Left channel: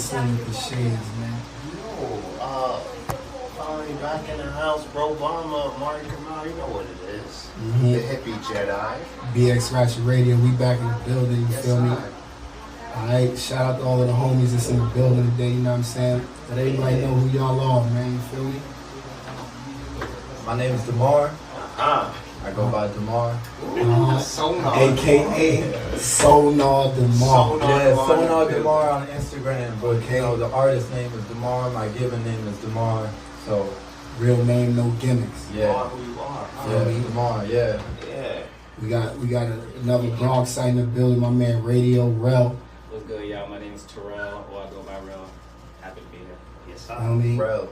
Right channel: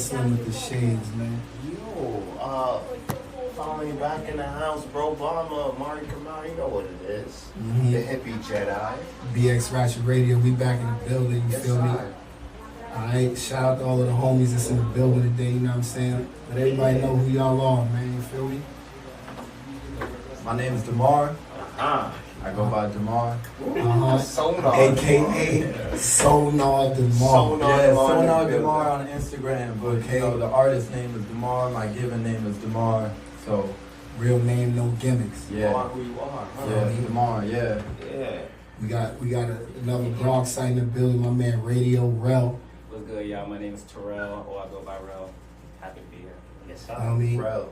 son with the shades, man. Yo, finally back in the house, bro. Obama, Mari Kamal, you know what it is. Mm-hmm. The hippie Jedi. BX Ratchet Radio, we back in the building, you feel me? Alright, shout out to all of the homies that's in the building today, you know what I'm saying? Let everybody know who y'all are, man, you feel me? My name is Damar. I go by Damar. Sonar. AKA Sonar Damar. Yeah, Sonar Damar on Instagram, but you know, the artist name is Damar, my given name is Damar, so. Real name, no gimmicks. Yeah. Who you are. Yeah, Damar, yeah. Yeah. We got another Bronx site in the building, my man Radio Rel. What's good, y'all? My name is Terrell, or I go by Rel. Happy to be here. Yes, You know what I mean? Bro.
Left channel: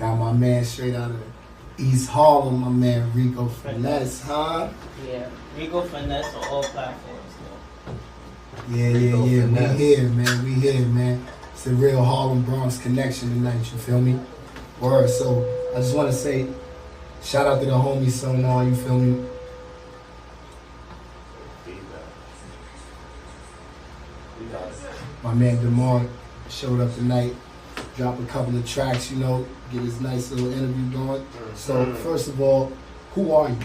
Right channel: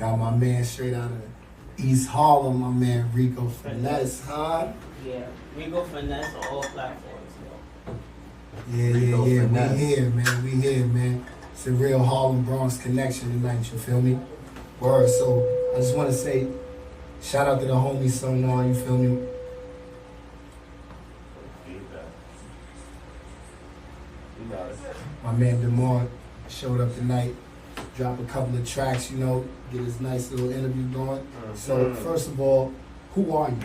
Got my man straight out of East Harlem, my man Rico Finesse, huh? Yeah, Rico Finesse on all platforms. Yeah. Finesse. We here, man. It's the real Harlem Bronx connection tonight, you feel me? Word, so I just want to say, shout out to the homie Sonar, you feel me? My man Damar showed up tonight, dropped a couple of tracks, you know, get his nice little interview going. So first of all, who are you?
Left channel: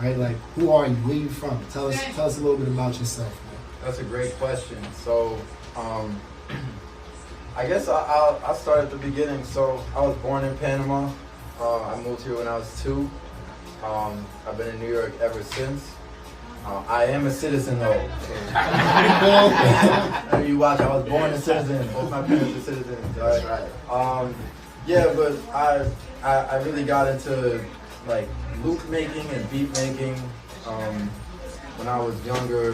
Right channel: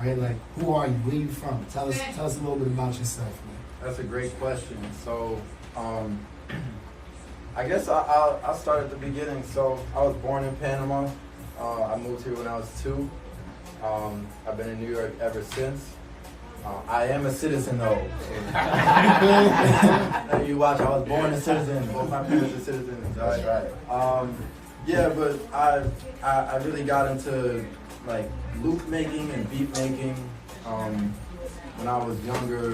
Right? Like, who are you? Where you from? Tell us a little bit about yourself, man. That's a great question. So, I guess I'll start at the beginning. So, I was born in Panama. I moved here when I was 2. I've been in New York ever since. I am a citizen though. I mean, watch, I was born a citizen. Both my parents are citizens. Right. Yeah, but I really got into like loop making and beat making when I was younger,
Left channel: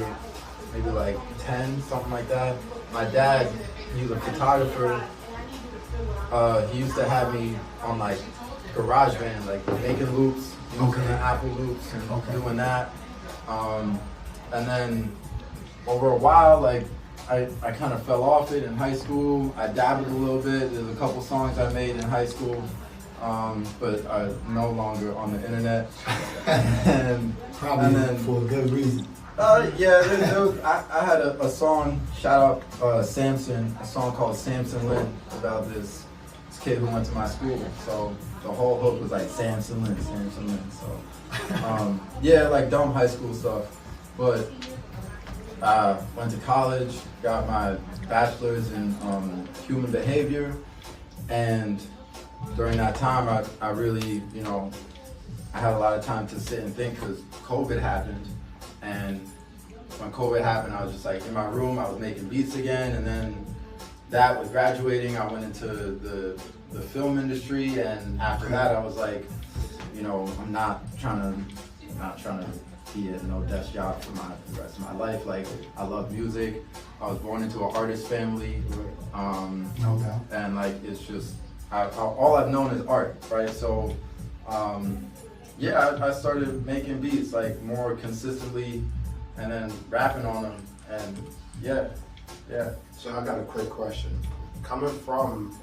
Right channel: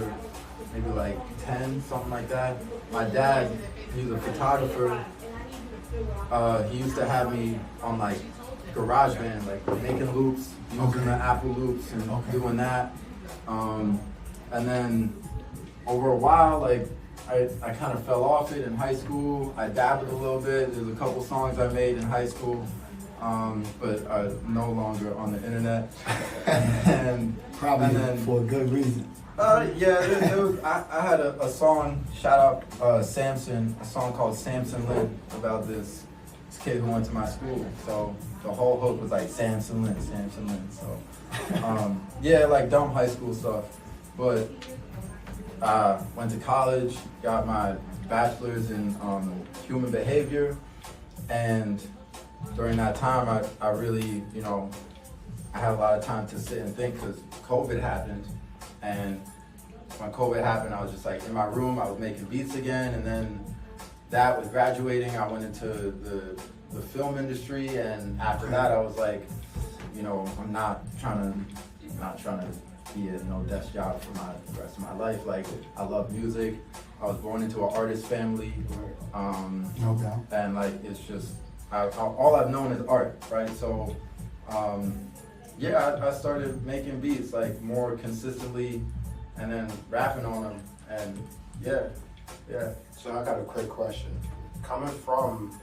maybe like 10, something like that. My dad, he was a photographer. He used to have me on like GarageBand, like making loops, using the Apple loops and doing that. And then over a while, like I kind of fell off it in high school. I dabbled a little bit. There's a couple songs I made in high school, but I'm no longer on the internet. Probably for a good reason. I had a song, shout out Samson, a song called Samson Lynn about this kid who went to my school. So the whole hook was like Samson Lynn. So like dumb high school stuff. But I went to college, got my bachelor's in human behavior, and during that time I really, I had a lot of time to sit and think because COVID happened. And when COVID happened, I was just like in my room, I was making beats again, and then that was graduating, I went into the film industry, and after that I was like, I'm not trying to be a no desk job for the rest of my life. Like, I love music. I was born into an artist family, No doubt. and like it's just all I've known is art, right? So I started making beats like more consistently, and then rapping on them, and yeah. So I got a quick question. Coming from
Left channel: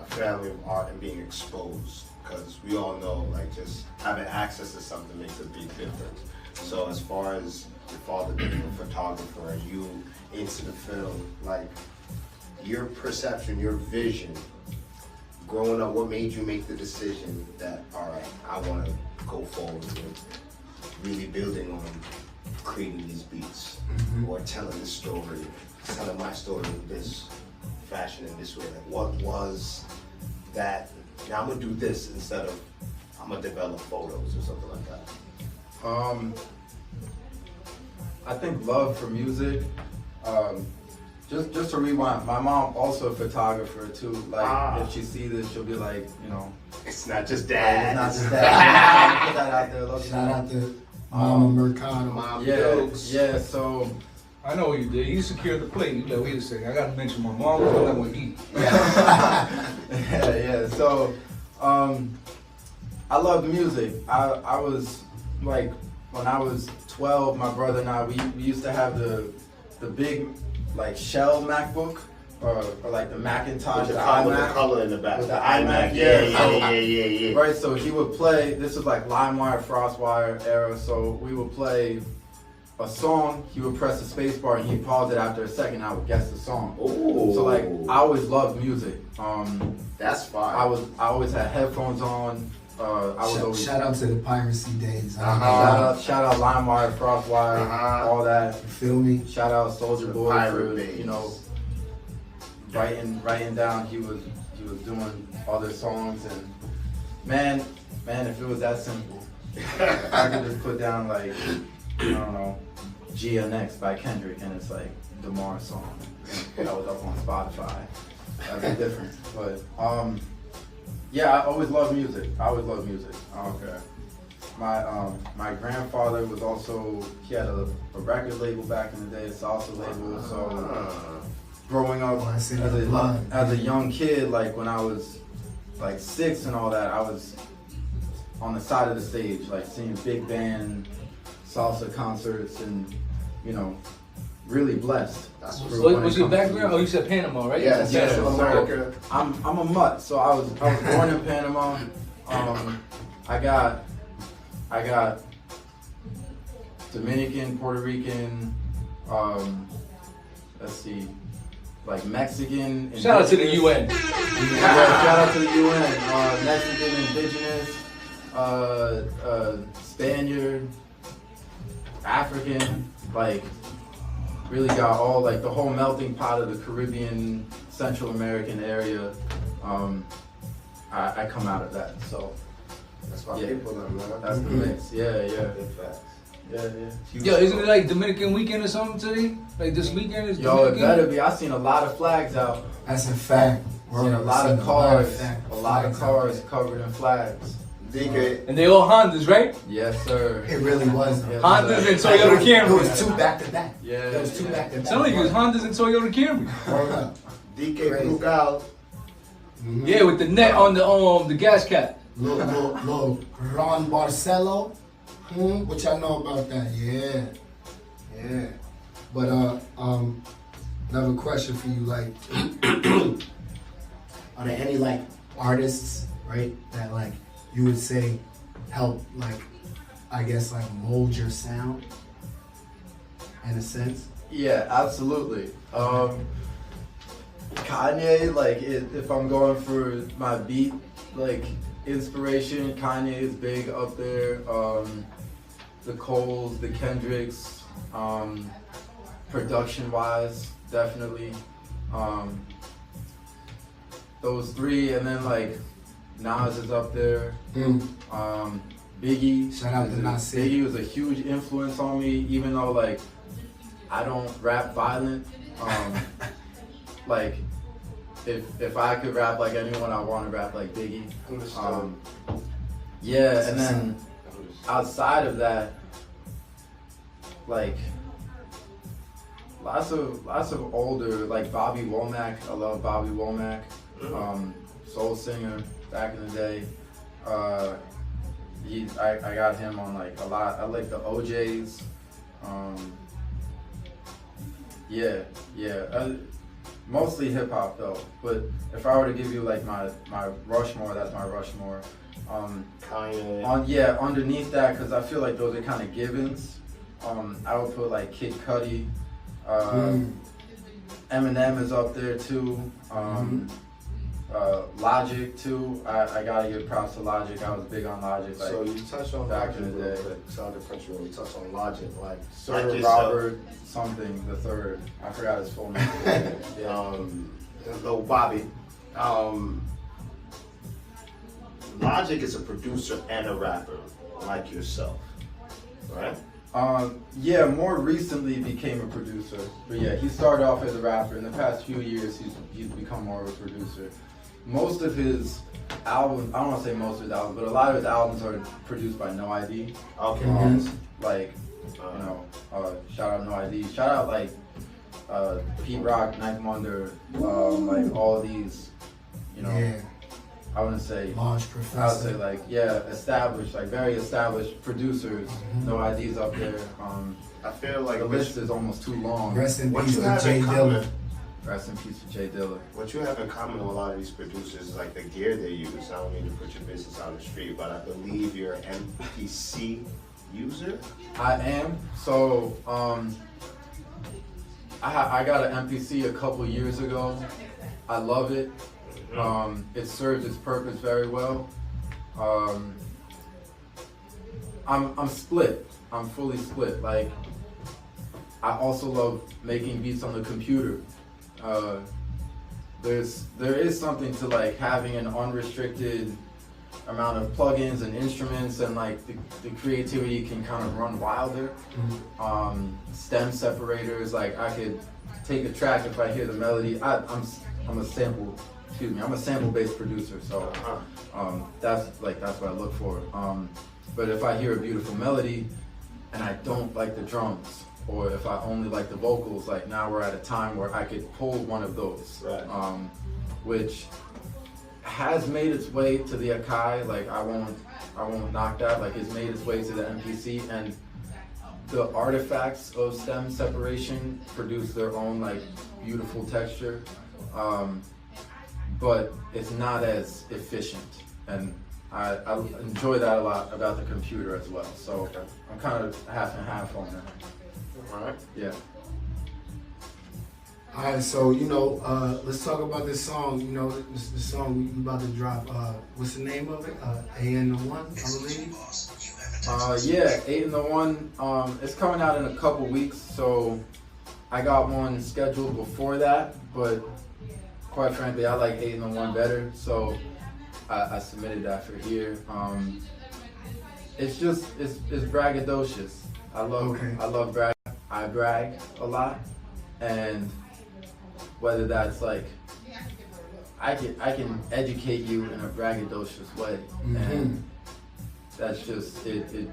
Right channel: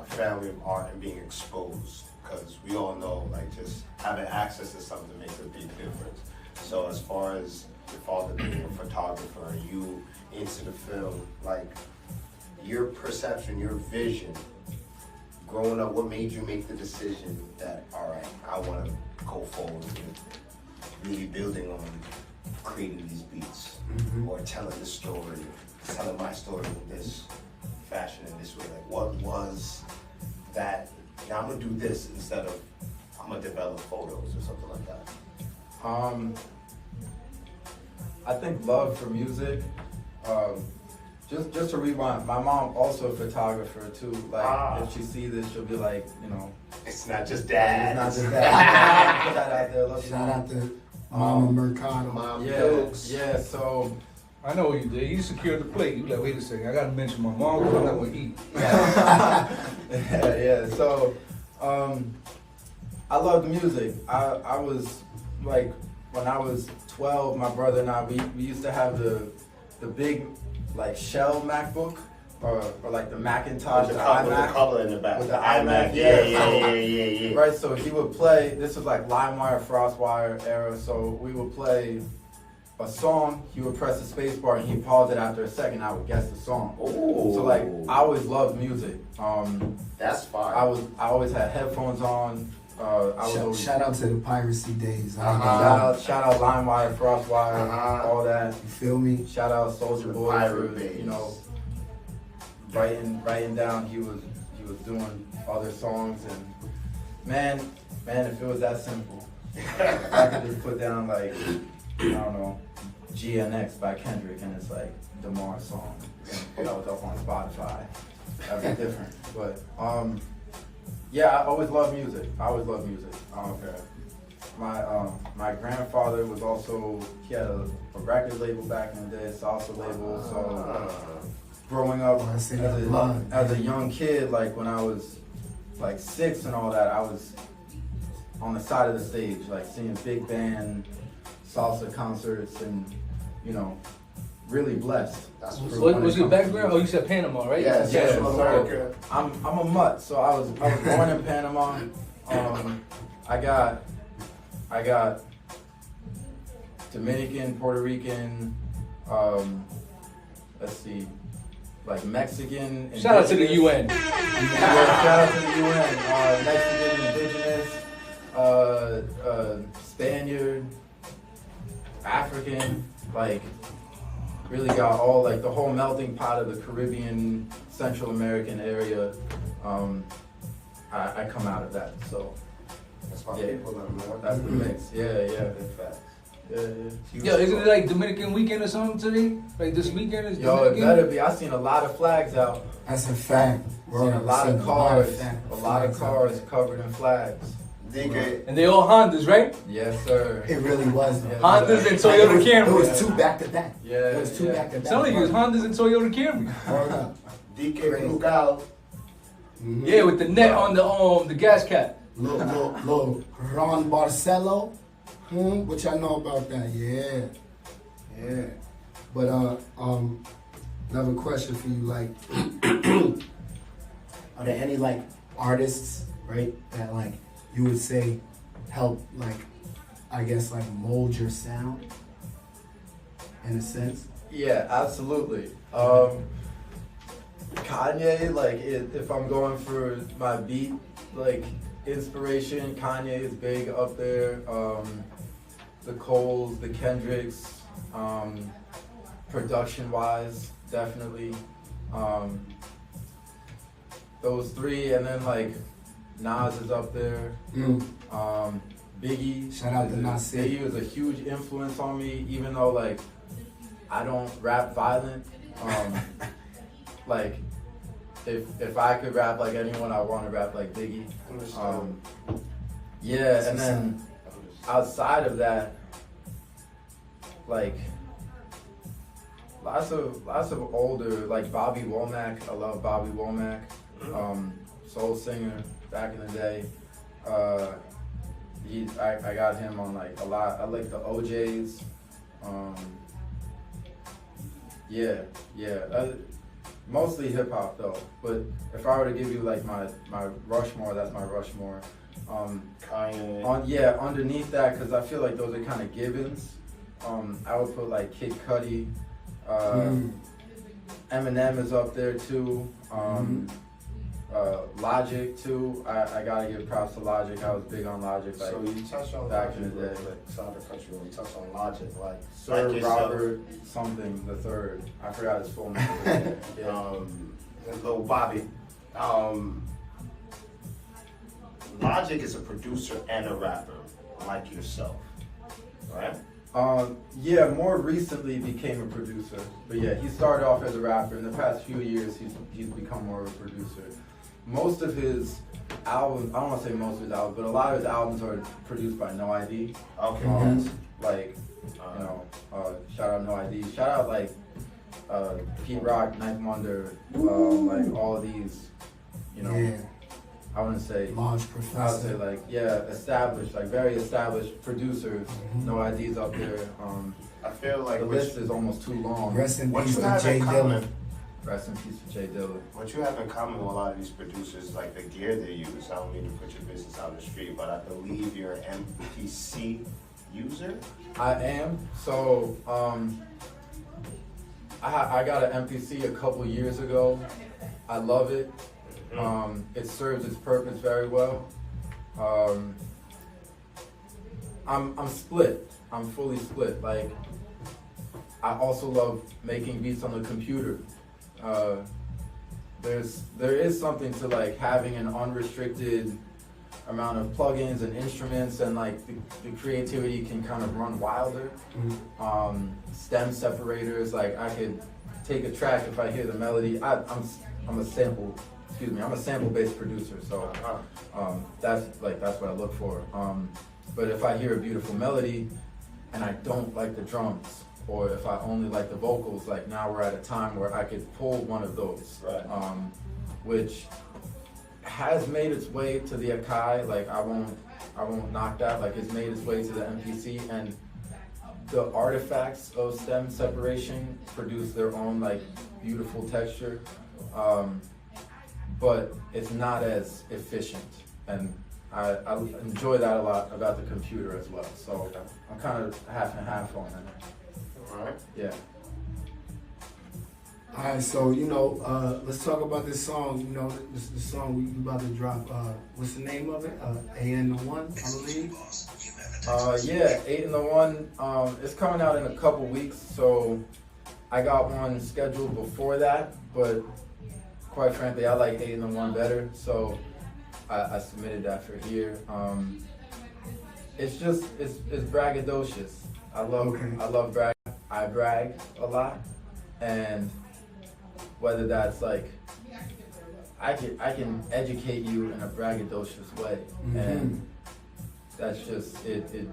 a family of art and being exposed, because we all know, like, just having access to something makes a big difference. So as far as your father being a photographer and you into the film, like, your perception, your vision, growing up, what made you make the decision that, all right, I want to go forward with really building on creating these beats, or telling the story, telling my story in this fashion, in this way? Like, what was that? Now I'm gonna do this instead of I'm gonna develop photos or something like that. I think love for music. Just to rewind, my mom also a photographer too. Like, if she sees this, she'll be like, It's not just that. it's not just that. Put that out there. Love you, Shout Mom. out to Mama Mercado. Mom, Yeah, jokes. yeah. So I know what you did. You secured the plate. You like, wait a second, I gotta mention my mom because I want to eat. yeah. So I love the music. I was like, when I was 12, my brother and I, we used to have the big like shell MacBook or like the Macintosh, With the the iMac. color in the back. With the iMac. iMac, Yeah. Right, so he would play, this was like LimeWire, FrostWire era, so we would play a song, he would press the space bar and he'd pause it after a second. I would guess the song. Ooh. So like, I always loved music. That's fine. I always had headphones on. I was always Shout out to the piracy days. shout out LimeWire, Frostwire, all that. You feel me? Shout out Soldier Boy Pirate for days. you know writing down. He was doing other songs and man, if it was that simple, I could just put down like I don't know GNX by Kendrick and it's like Damar song. Put those up on Spotify. That'd be different, but yeah, I always loved music. Okay. My grandfather was also, he had a record label back in the day, a salsa label. So growing up as a young kid, like when I was like 6 and all that, I was on the side of the stage, like seeing big band salsa concerts and, you know, really blessed. That's for what's when Was it your comes to background? Oh, you said Panama, right? Yes, Yeah, Central so America. I'm a mutt, so I was born in Panama. I got Dominican, Puerto Rican, let's see, like Mexican. Shout out to the UN. Yeah, shout out to the UN. Mexican, indigenous, Spaniard, African, like really got all like the whole melting pot of the Caribbean, Central American area. I come out of that, so That's my yeah, people, man. that's the mix. Yeah. Big facts. Yeah. Yo, isn't it like Dominican weekend or something today? Like this weekend is Yo, it Dominican? better be. I seen a lot of flags out. That's a fact. Seen a lot of cars, fact- a lot of flags out cars there. covered in flags. DK. And they all Hondas, right? Yes, sir. It really was though. Yeah. Hondas and Like, Toyota it was Camry. two back to back. Yeah, It was two yeah. back to back. Sound like it was Hondas and Toyota Camry. Hold up. DK Brugal. Yeah, with the net on the gas cap. Little Ron Barcelo. What y'all know about that? Yeah. But another question for you, like, are there any like artists, right, that like you would say help, like, I guess, like mold your sound in a sense? Yeah, absolutely. Kanye, like, if I'm going for my beat, like, inspiration, Kanye is big up there. The Coles, the Kendricks, production-wise, definitely. Those three, and then, like, Nas is up there. Biggie. Shout out to Nas. Biggie was a huge influence on me, even though, like, I don't rap violent. Like, if I could rap like anyone, I want to rap like Biggie. Yeah, and then outside of that, like lots of older, like Bobby Womack. I love Bobby Womack, soul singer back in the day. I got him on like a lot. I like the OJs. Mostly hip hop though. But if I were to give you like my Rushmore, that's my Rushmore. Kanye. Underneath that, because I feel like those are kind of givens. I would put like Kid Cudi. Eminem is up there too. Logic too. I gotta give props to Logic. I was big on Logic. Like, So you touched on back Logic in the real day. quick. Shout out to country when you touched on Logic, like Sir yourself. Robert something the third. I forgot his full name. Little Bobby. Logic is a producer and a rapper, like yourself, right? More recently became a producer. But yeah, he started off as a rapper. In the past few years, he's become more of a producer. Most of his albums, I don't want to say most of his albums, but a lot of his albums are produced by No ID. Okay. Like, shout out No ID. Shout out like Pete Rock, Ninth Wonder, like all of these, Yeah. I wouldn't say, Large I would say professor. like, established, like very established producers. No IDs up there. I feel like The list is almost too long. Rest in What peace you to have Jay in Dilla. common? Rest in peace to Jay Dilla. What you have in common with a lot of these producers is like the gear they use. I don't mean to put your business on the street, but I believe you're an MPC user? I am. So I got an MPC a couple years ago. I love it. It serves its purpose very well. I'm split. I'm fully split. Like, I also love making beats on the computer. There is something to like having an unrestricted amount of plugins and instruments, and like the creativity can kind of run wilder. Stem separators, like I could take a track if I hear the melody. I'm a sample-based producer, so that's what I look for. But if I hear a beautiful melody and I don't like the drums, or if I only like the vocals, like now we're at a time where I could pull one of those, Right. Which has made its way to the Akai. Like I won't knock that. Like it's made its way to the MPC, and the artifacts of stem separation produce their own like beautiful texture, but it's not as efficient, and I enjoy that a lot about the computer as well. So I'm kind of half and half on that. All right. Yeah. All right, so let's talk about this song. The song we about to drop. What's the name of it? A and the One, I believe. Yeah, 8 and the 1. It's coming out in a couple weeks, so I got one scheduled before that. But quite frankly, I like 8 and the 1 better, so I submitted that for here. It's braggadocious. I love brag. I brag a lot, and whether that's like I can educate you in a braggadocious way, and that's just it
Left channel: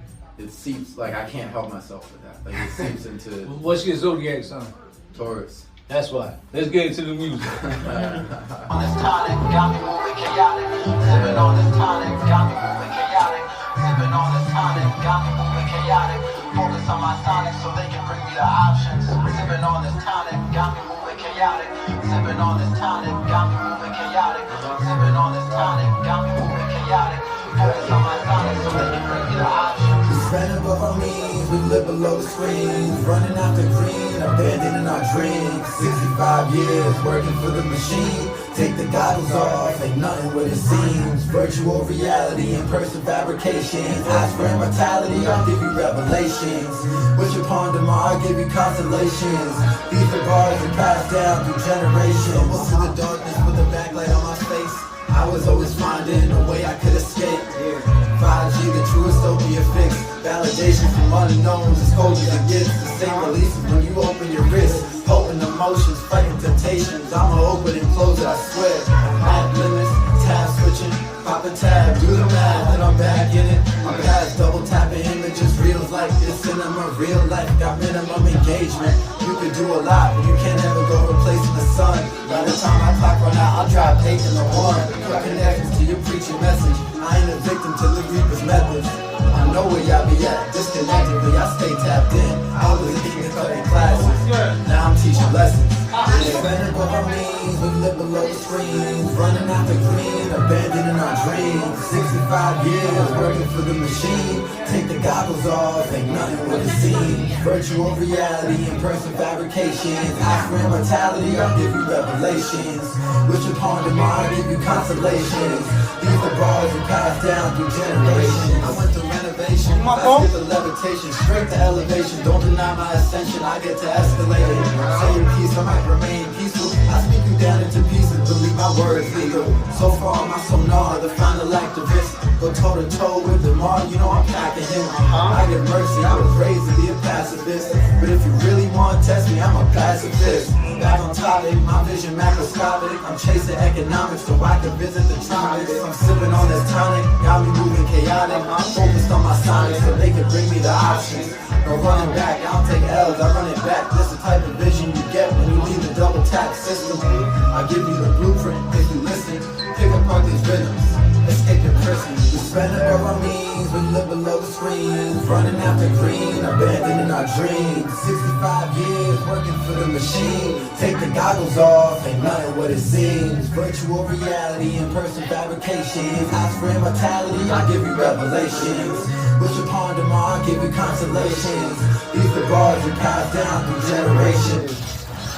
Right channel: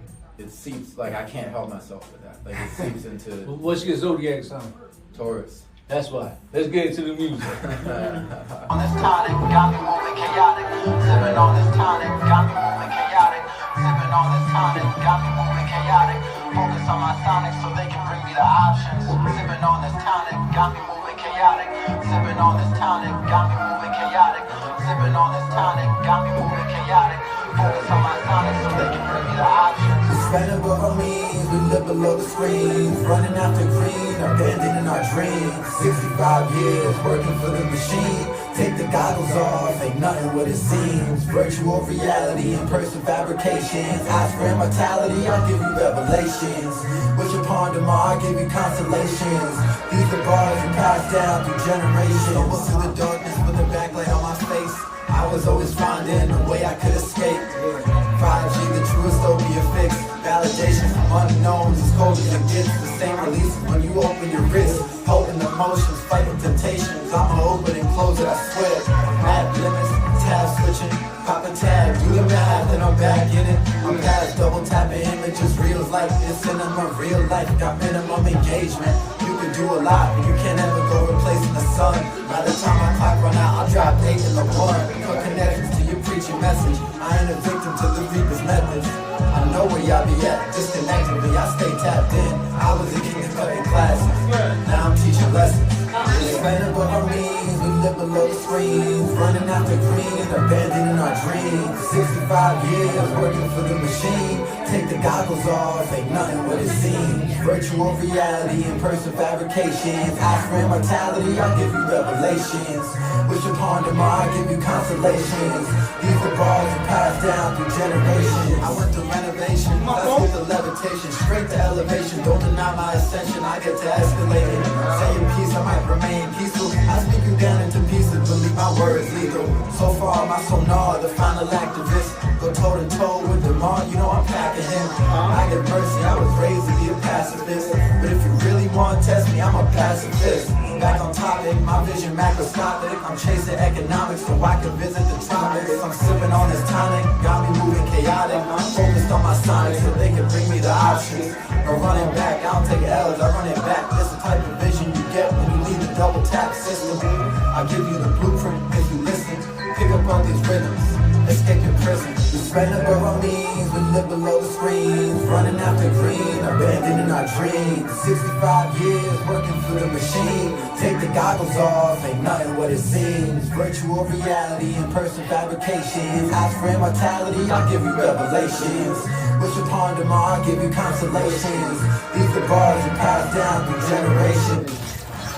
seeps, like I can't help myself with that. Like it seeps into What's your zodiac sign? Taurus. That's why. Let's get into the music. On this tonic, got me moving chaotic. Sipping on this tonic, got me moving chaotic. Sipping on this tonic, got me moving chaotic. Focus on my sonic so they can bring me the options. Sipping on this tonic, got me moving chaotic. Sipping on this tonic, got me moving chaotic. Sipping on this tonic, got me moving chaotic. Focus on my sonic so they can bring me the options. Incredible on me, we live below the screens, running after green, abandoning our dreams. 65 years working for the machine. Take the goggles off, ain't nothing what it seems. Virtual reality and person fabrication. Ask for immortality, I'll give you revelations. Wish upon tomorrow, I'll give you constellations. These are bars that pass down through generations. Through the darkness with a backlight on my face, I was always finding a way I could escape. 5G, the true dystopia fix. Validation from unknowns, as cold as it gets. The same releases when you open your wrist. Holding emotions, fighting temptations. I'ma open and close it, I swear. Mad limits, tab switching, pop a tag, do the math, then I'm back in it. I'm past double tapping images, reels like this, and I'm a real life. Got minimum engagement. You can do a lot, but you can't ever go replacing the sun. By the time my clock run out, I'll drop 8 in the 1. Cut connections to your preaching message. I ain't a victim to the reaper's methods. I know where y'all be at, disconnected, but y'all stay tapped in. I was a kid cutting classes, now I'm teaching lessons. It's better what I mean, we live below the screens, running after green, abandoning our dreams. 65 years working for the machine. Take the goggles off, ain't nothing what it seems. Virtual reality and person fabrication. Ask for immortality, I'll give you revelations. Wish upon tomorrow, I'll give you constellations. These are bars that pass down through generations. I went through renovation, I did the levitation, straight to elevation. Don't deny my ascension, I get to escalate. Say your piece, I might remain peaceful. I speak you down into pieces, believe my words legal. So far, my sonar, the final activist. Go toe to toe with them all, you know I'm packing him. I get mercy, I was raised to be a pacifist. But if you really want to test me, I'm a pacifist. Back on topic, my vision macroscopic. I'm chasing economics so I can visit the topics. I'm sipping on this tonic, got me moving chaotic. I'm focused on my sonic so they can bring me the options. I'm running back, I don't take L's, I run it back. This the type of vision you get when you leave the double tap system. I give you the blueprint if you listen. Pick apart these rhythms, let's take your prisoners. We spread our means, we live below the screens, running after green, abandoning our dreams. 65 years working for the machine. Take the goggles off, ain't nothing what it seems. Virtual reality, in-person fabrications. House for immortality, I'll give you revelations. Wish upon Damar, give you consolations. These the bars you pass down through generations.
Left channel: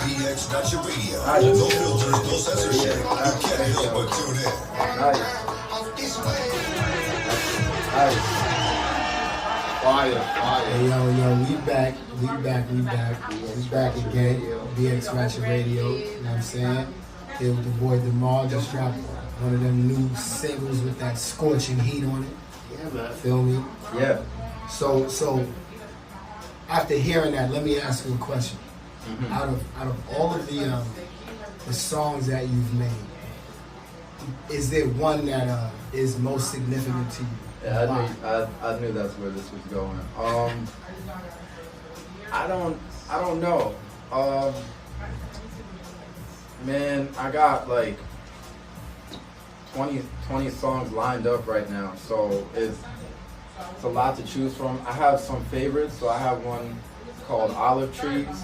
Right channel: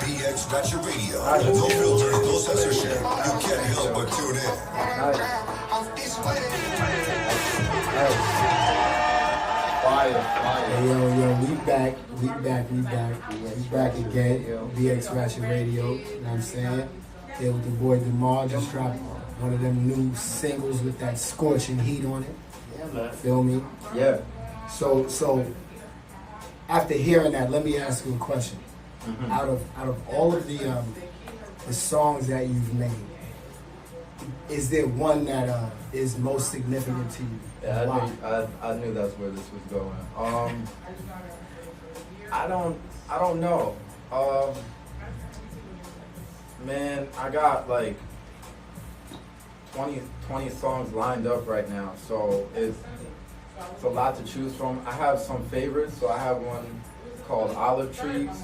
DX Ratchet Radio. No filter, no censorship. You can't help but tune in. Fire. Hey, yo, we back again. DX Ratchet Radio, you know what I'm saying? Here with the boy Damar, just dropped one of them new singles with that scorching heat on it. Yeah, man. Feel me? Yeah. So after hearing that, let me ask you a question. Out of all of the songs that you've made, is there one that is most significant to you? Yeah, I knew that's where this was going. I don't know. Man, I got like 20 songs lined up right now, so it's a lot to choose from. I have some favorites, so I have one called Olive Trees.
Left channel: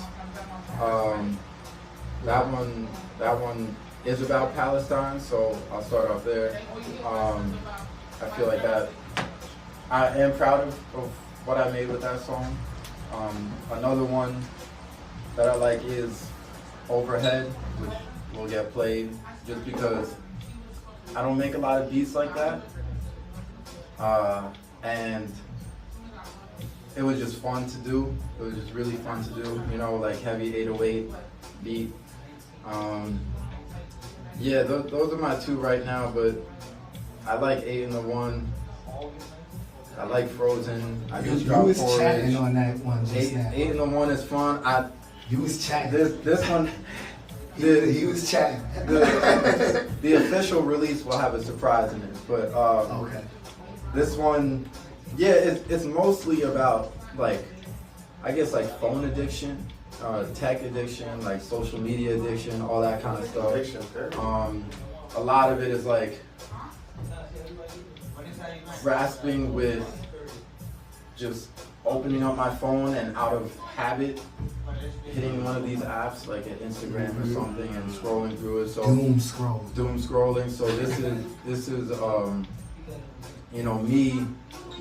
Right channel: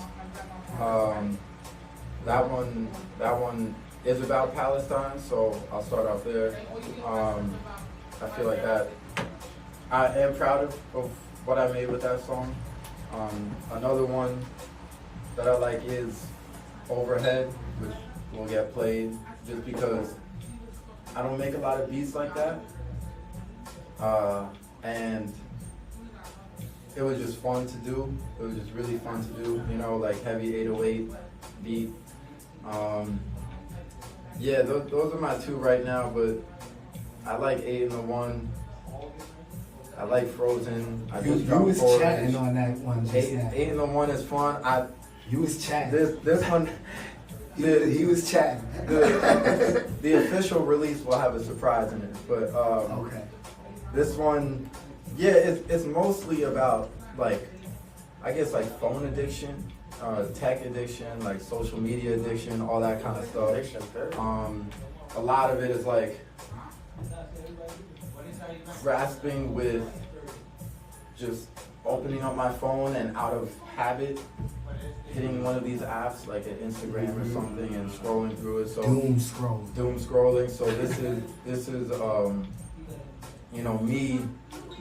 That one is about Palestine, so I'll start off there. I feel like that I am proud of what I made with that song. Another one that I like is Overhead, which will get played just because I don't make a lot of beats like that. And it was just fun to do. It was just really fun to do, you know, like heavy 808 beat. Yeah, those are my two right now, but I like 8 in the 1. I like Frozen. I just You dropped was Porridge. chatting on that one just now. 8 in the 1 is fun. You was chatting. This one, He was chatting. the official release will have a surprise in it, but Okay. this one, yeah, it's mostly about like, I guess like phone addiction, tech addiction, like social media addiction, all that kind of stuff. Addiction, A lot of it is like grasping with just opening up my phone and out of habit hitting one of these apps like an Instagram or something and scrolling through it. So Doom scrolling. So this is you know, me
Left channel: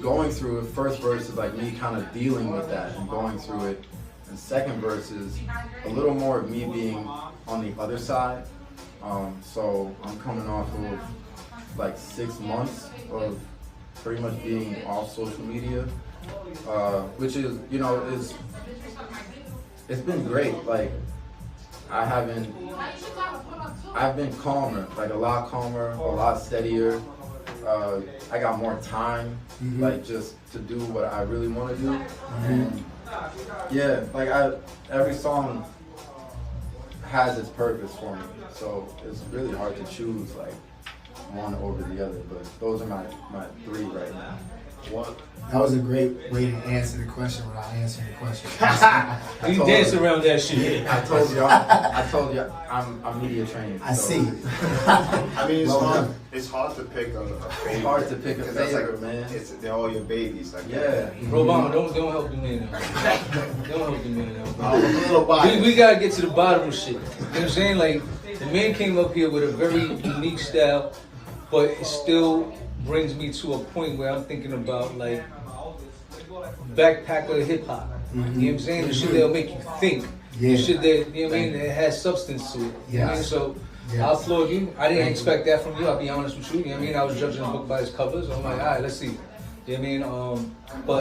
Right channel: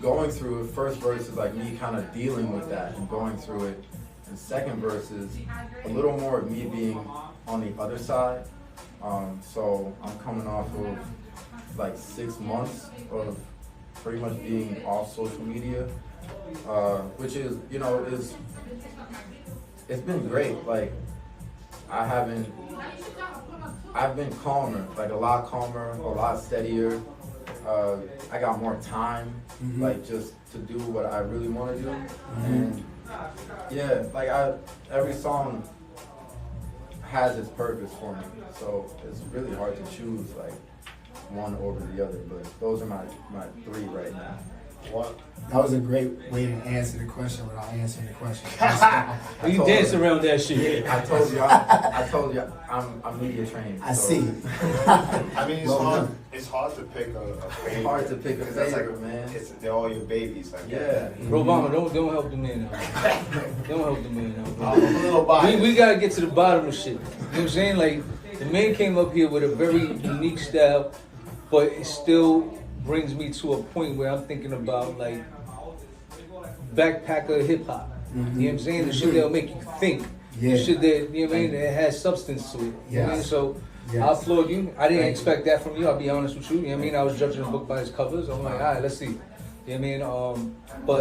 going through it. First verse is like me kind of dealing with that and going through it. And second verse is a little more of me being on the other side. So I'm coming off of like 6 months of pretty much being off social media, which is, you know, it's been great. Like I've been calmer, like a lot calmer, a lot steadier. I got more time, like just to do what I really want to do. And yeah, like every song has its purpose for me. So it's really hard to choose like one over the other, but those are my 3 right now. That was a great way to answer the question without answering the question. You dance around that shit. I told you, I'm media trained. I so. see. I mean, Well, it's hard to pick a favorite. It's hard to pick a 'cause that's favorite, man. They're all your babies. Like, Yeah. Roman, don't help the man. Don't help the man. I'm a little biased. We gotta get to the bottom of shit. You know what I'm saying? Like, the man came up here with a very unique style, but it still brings me to a point where I'm thinking about like backpacker hip hop. You know what I'm saying? The shit that'll make you think. Yeah. The shit that, you know what I mean, that has substance to it. You know what I mean? So Yes. I applaud you. I didn't expect that from you, I'll be honest with you. You know what I mean? I was judging the book by its covers. I'm like, all right, let's see. You know what I mean? But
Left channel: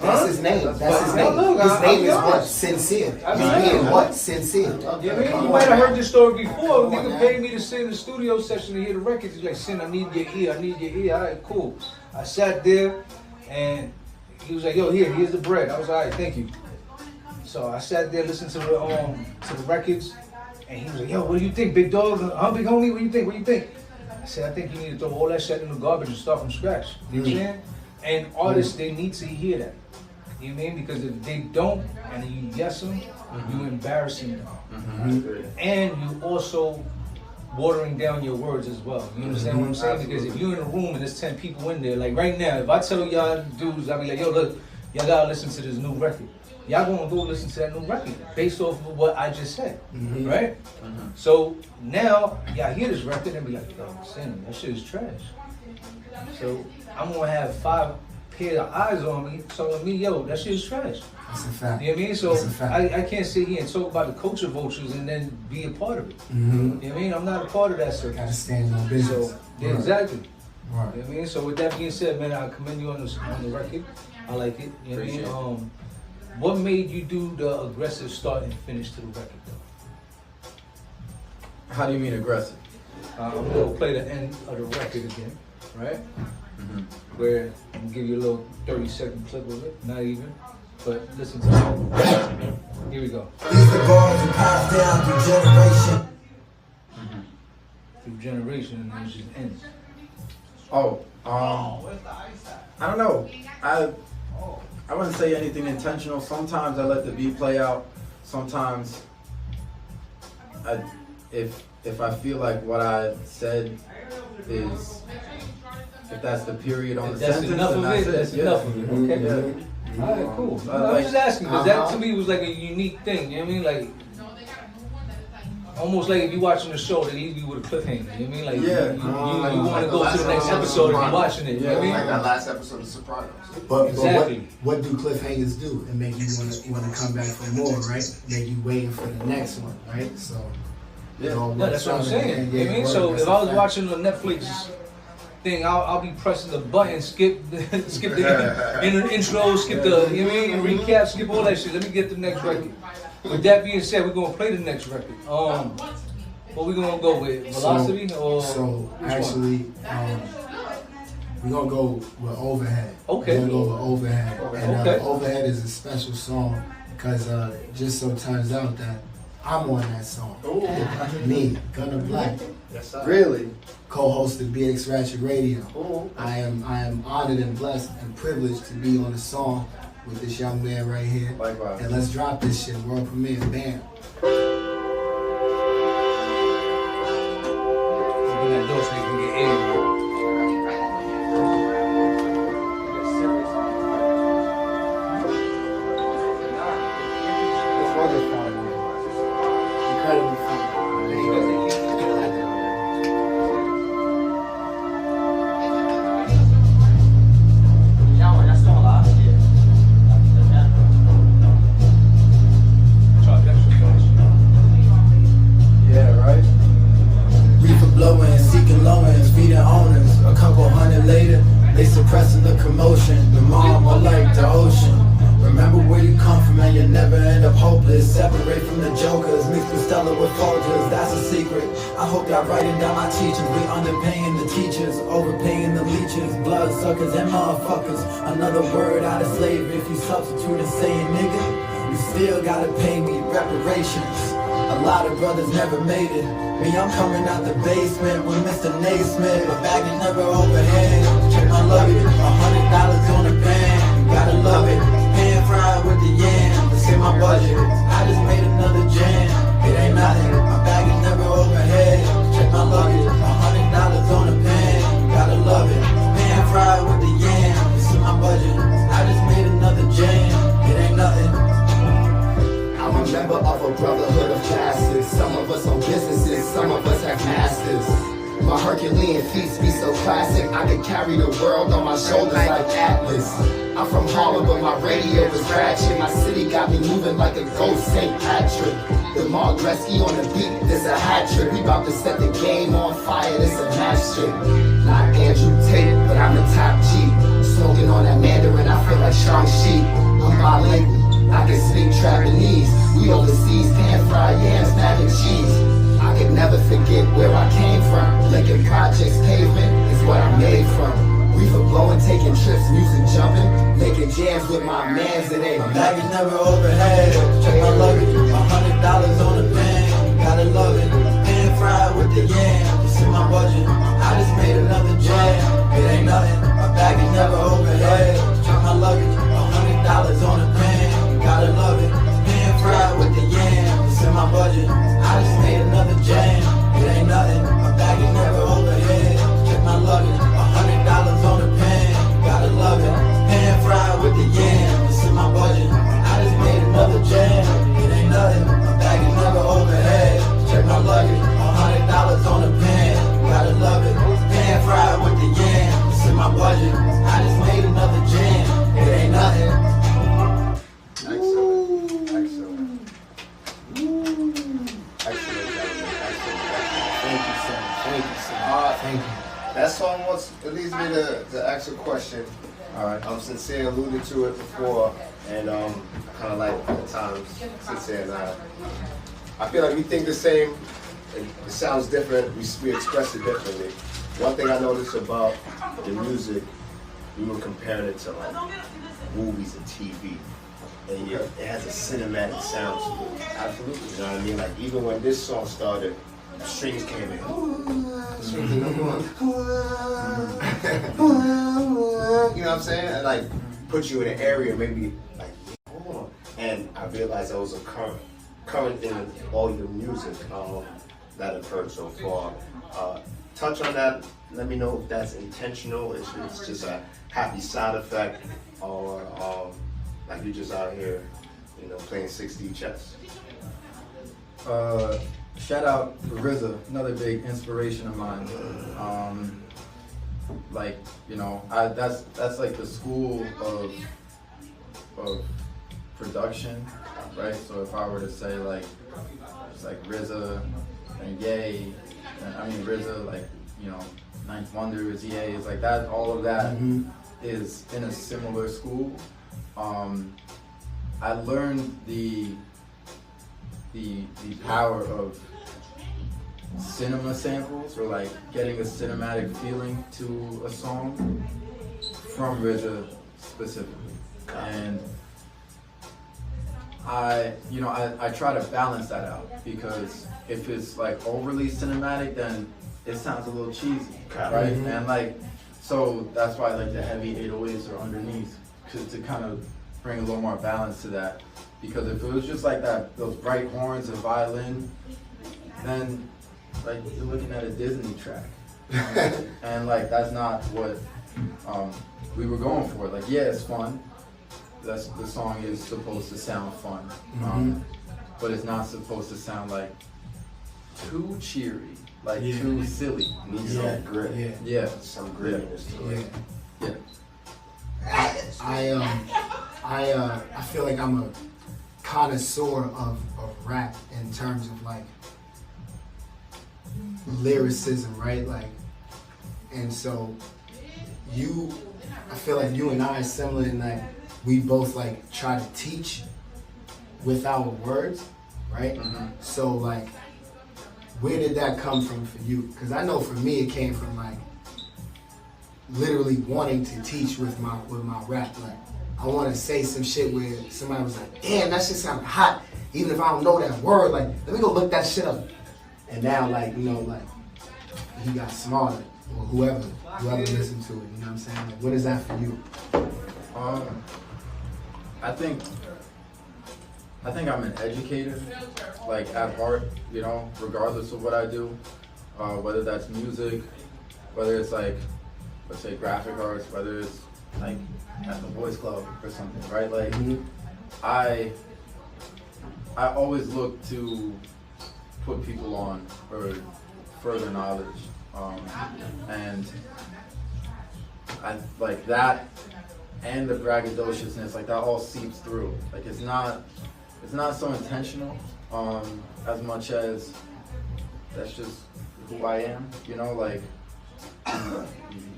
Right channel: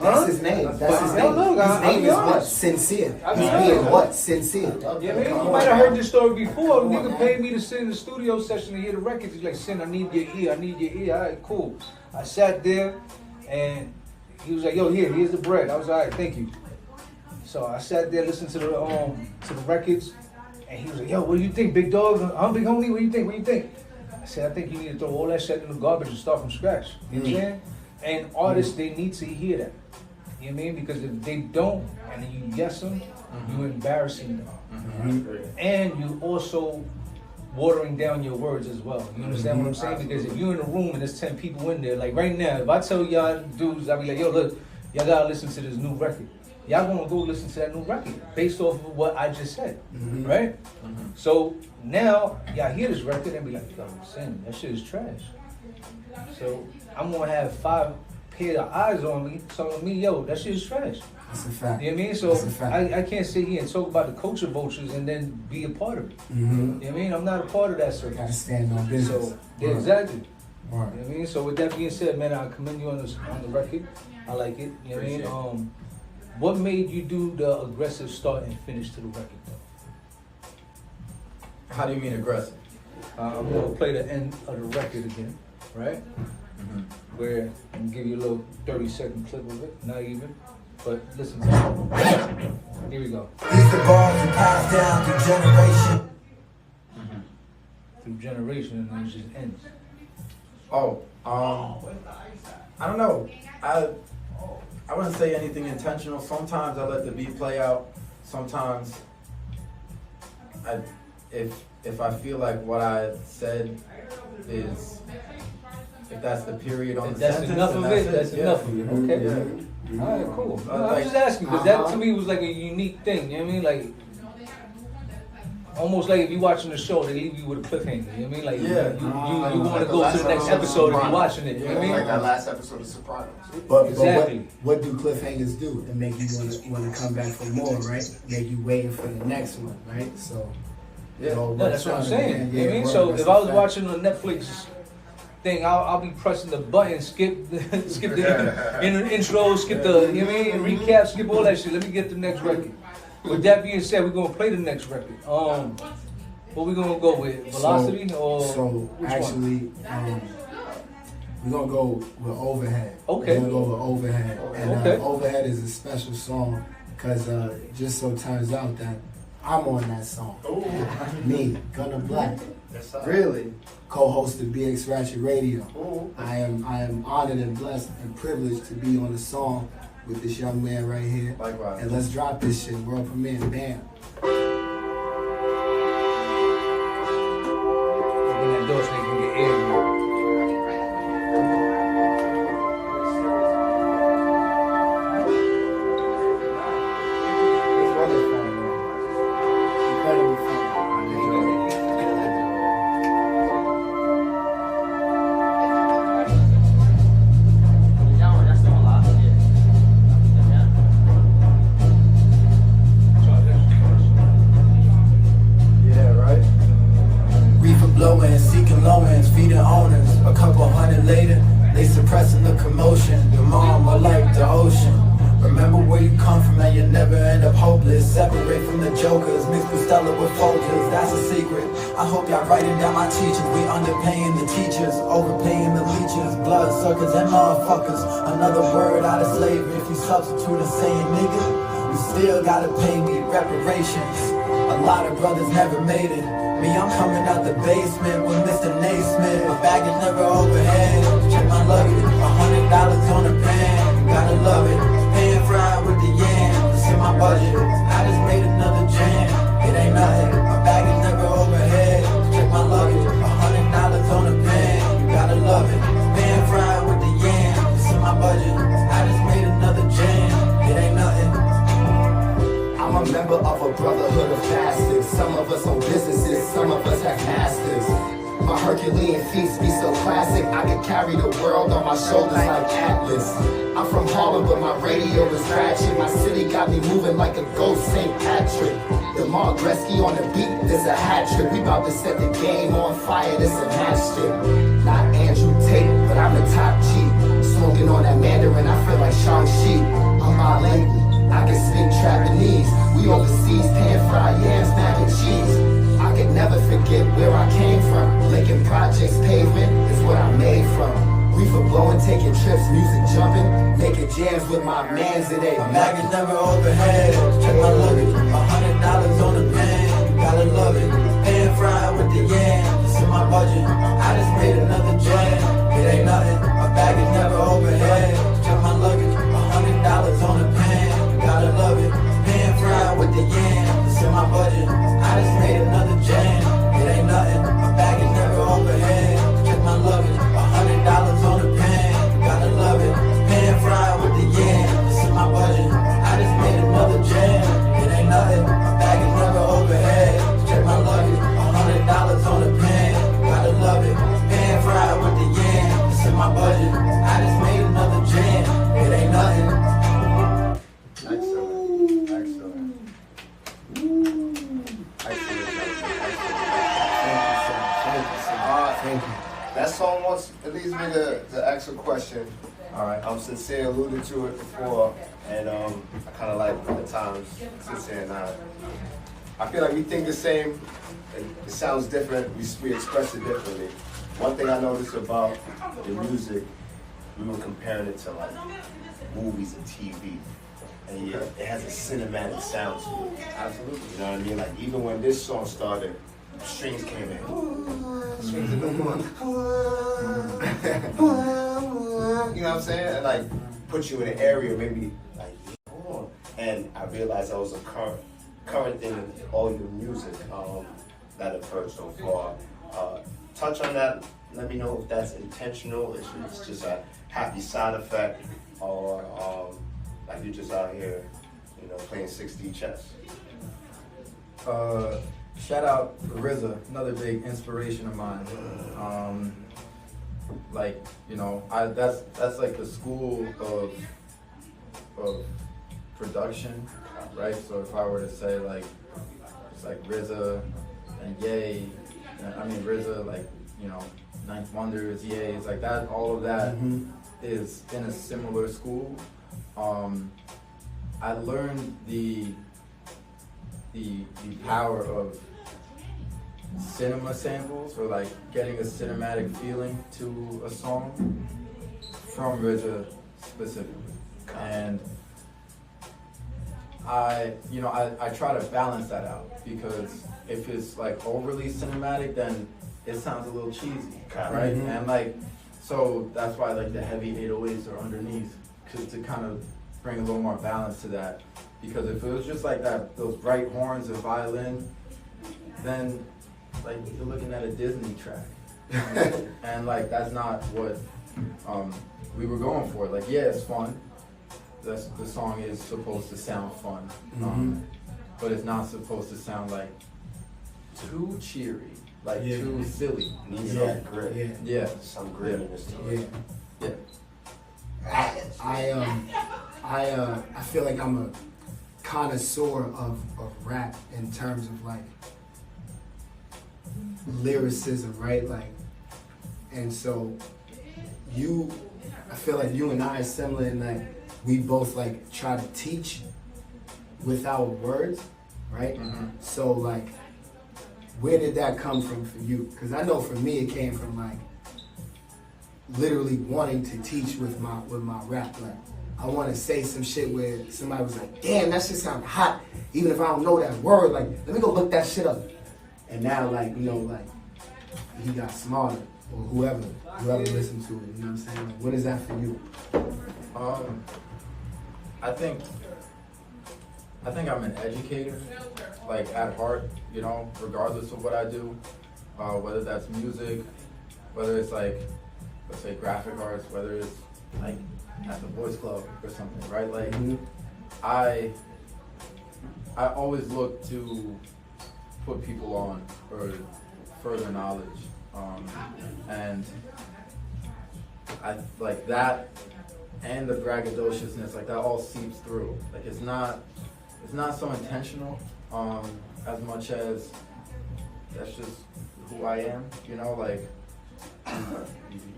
That's his name. That's his name. Look, His name is I'm what? honest. Sincere. I He's mean, being yeah. what? Sincere. yeah, man, you might have heard this story before. Come on, Nigga man. paid me to sit in the studio session to hear the records. He's like, Sin, I need your ear. I need your ear. All right, cool. I sat there and he was like, yo, here's the bread. I was like, all right, thank you. So I sat there listening to the records, and he was like, yo, what do you think, big dog? Huh, big homie? What do you think? What do you think? I said, I think you need to throw all that shit in the garbage and start from scratch. You know what I'm saying? And artists, they need to hear that. You know what I mean? Because if they don't, and you yes them, you're embarrassing them. And you also watering down your words as well. You understand what I'm saying? Because if you're in a room and there's 10 people in there, like right now, if I tell y'all dudes, I'll be like, yo, look, y'all gotta listen to this new record. Y'all gonna go listen to that new record based off of what I just said, right? So now y'all hear this record and be like, yo, Sam, that shit is trash. So I'm gonna have 5 pair of eyes on me telling me, yo, that shit is trash. That's a fact. You know what I mean? So That's a fact. I can't sit here and talk about the culture vultures and then be a part of it. You know what I mean? I'm not a part of that circus. Gotta stand on business. So, yeah, exactly. Right. You know what I mean? So with that being said, man, I commend you on the record. I like it. You know what I mean? What made you do the aggressive start and finish to the record though? How do you mean aggressive? I'm gonna play the end of the record again, right? Where I'm gonna give you a little 30-second clip of it, not even. But listen to it. Here we go. These are bars and passed down through generation. Through generation, and then it just ends. Oh, I don't know. I wouldn't say anything intentional. Sometimes I let the beat play out. Sometimes if I feel like what I said is, if that's the period on the That's sentence, enough then of it. that's That's yeah. enough of it. Okay. Yeah. All right, cool. I Like- was asking because that to me was like a unique thing. You know what I mean? Like almost like if you watching the show, they leave you with a cliffhanger. You know what I mean? Like Yeah. you want to go to the next episode if you're watching it. You know what I mean? Like that last episode of Sopranos. But Exactly. what do cliffhangers do? It make you want to come back for more, right? Make you waiting for the next one, right? So, Yeah. it all No, works that's what I'm out in the saying. end. You know what I mean? Yeah, So that's if a I was fact. watching a Netflix thing, I'll be pressing the button, skip the intro, skip the, you know what I mean, recap, skip all that shit. Let me get the next record. With that being said, we're gonna play the next record. What we gonna go with? Velocity or So which actually, we're gonna go with Overhead. Okay. We're gonna go with Overhead. And Okay. Overhead is a special song because just so turns out that I'm on that song. Me, Gunna Black, Yes, sir. Really? co-host of BX Ratchet Radio. I am honored and blessed and privileged to be on the song with this young man right here. Likewise. And let's drop this shit, world premiere, bam. we got those niggas can get in. Incredibly fun. Yeah, that's all I did. Yeah, right? Reaper blowing, seeking low-ends, feeding owners. A couple hundred later, they suppressing the commotion. The mom, I like the ocean. Remember where you come from and you never end up hopeless. Separate from the jokers, mixed with Stella with Folgers, that's a secret. I hope y'all writing down my teachings. We underpaying the teachers, overpaying the leeches, bloodsuckers and motherfuckers. Another word out of slavery, if you substitute and saying nigga, you still gotta pay me reparations. A lot of brothers never made it. Me, I'm coming out the basement with Mr. Naismith. My bag is never overhead. Check my luggage, $100 on the band. You gotta love it. Pan fried with the yam. It's in my budget. I just made another jam. It ain't nothing. My bag is never overhead. Check my luggage, $100 on the band. You gotta love it. Pan fried with the yam. It's in my budget. I just made another jam. It ain't nothing. I'm a member of a brotherhood of justice. Some of us own businesses, some of us have masters. My Herculean feats be so classic, I could carry the world on my shoulders like Atlas. I'm from Harlem, but my radio is ratchet. My city got me moving like a ghost St. Patrick. The Mark Gretzky on the beat, there's a hat trick. We about to set the game on fire, this a match trick. Not Andrew Tate, but I'm the top G. Smoking on that Mandarin, I feel like Shang-Chi. I'm bilingual, I can speak Japanese. We overseas, pan fried yams, mac and cheese. I could never forget where I came from. Lincoln Projects pavement is what I'm made from. We for blowing, taking trips, music jumping, making jams with my mans and My everything. bag is never overhead. Check my luggage, $100 on the pan. You gotta love it. Pan fried with the yam. It's in my budget. I just made another jam. It ain't nothing. My bag is never overhead. Check my luggage, $100 on the pan. You gotta love it. Pan fried with the yam. It's in my budget. I just made another jam. It ain't nothing. My bag is never overhead. Check my luggage, $100 on the pan. You gotta love it. Pan fried with the yam. my budget. I just made another jam. It ain't nothing. Excellent. Excellent. Excellent, gentlemen. Excellent. Thank you, son. Thank you, son. Thank you. That song wants, it leads me to ask a question. All right. Sincere alluded to it before, and I kind of like at times Sincere and I feel like we think the same. It sounds different. We express it differently. One thing I noticed about the music, we were comparing it to like movies and TV, and yet it has a cinematic sound to it. Absolutely. You know what I mean? Like even when this song started, the strings came in. You know what I'm saying? And like put you in an area maybe like hold on. And I realized that was a current thing in all your music that I've heard so far. Touch on that. Let me know if that's intentional. If it's just a happy side effect, or like you just out here, you know, playing 6D chess. Shout out to RZA, another big inspiration of mine. Like, you know, that's like the school of production, right? So if I were to say like, it's like RZA and Ye, I mean RZA, like, you know, Ninth Wonders, Ye, it's like that. All of that is in a similar school. I learned the power of cinema samples, or like getting a cinematic feeling to a song from RZA specifically. And I try to balance that out, because if it's like overly cinematic, then it sounds a little cheesy, right? And like, so that's why like the heavy 808s are underneath, to kind of bring a little more balance to that. Because if it was just like that, those bright horns and violin, then like you're looking at a Disney track, and like that's not what we were going for. Like, yeah, it's fun. The song is supposed to sound fun, but it's not supposed to sound like too cheery, like too silly. Yeah. Some grittiness to it. I feel like I'm a connoisseur of rap in terms of like lyricism, right? Like, and so I feel like you and I are similar in that we both like try to teach without words, right? So like, where did that come from for you? Because I know for me it came from like literally wanting to teach with my rap. Like, I want to say some shit where somebody was like, damn, that shit sounded hot. Even if I don't know that word, like, let me go look that shit up. And now, like, you know, like, he got smarter, or whoever listened to it, you know what I'm saying? Like, what is that for you? I think I'm an educator, like at heart, you know, regardless of what I do, whether that's music, whether it's like, let's say graphic arts, whether it's like at the boys club or something, right? Like, I always look to put people on for further knowledge, and I like that, and the braggadociousness, like that all seeps through. Like it's not so intentional, as much as that's just who I am, you know, like.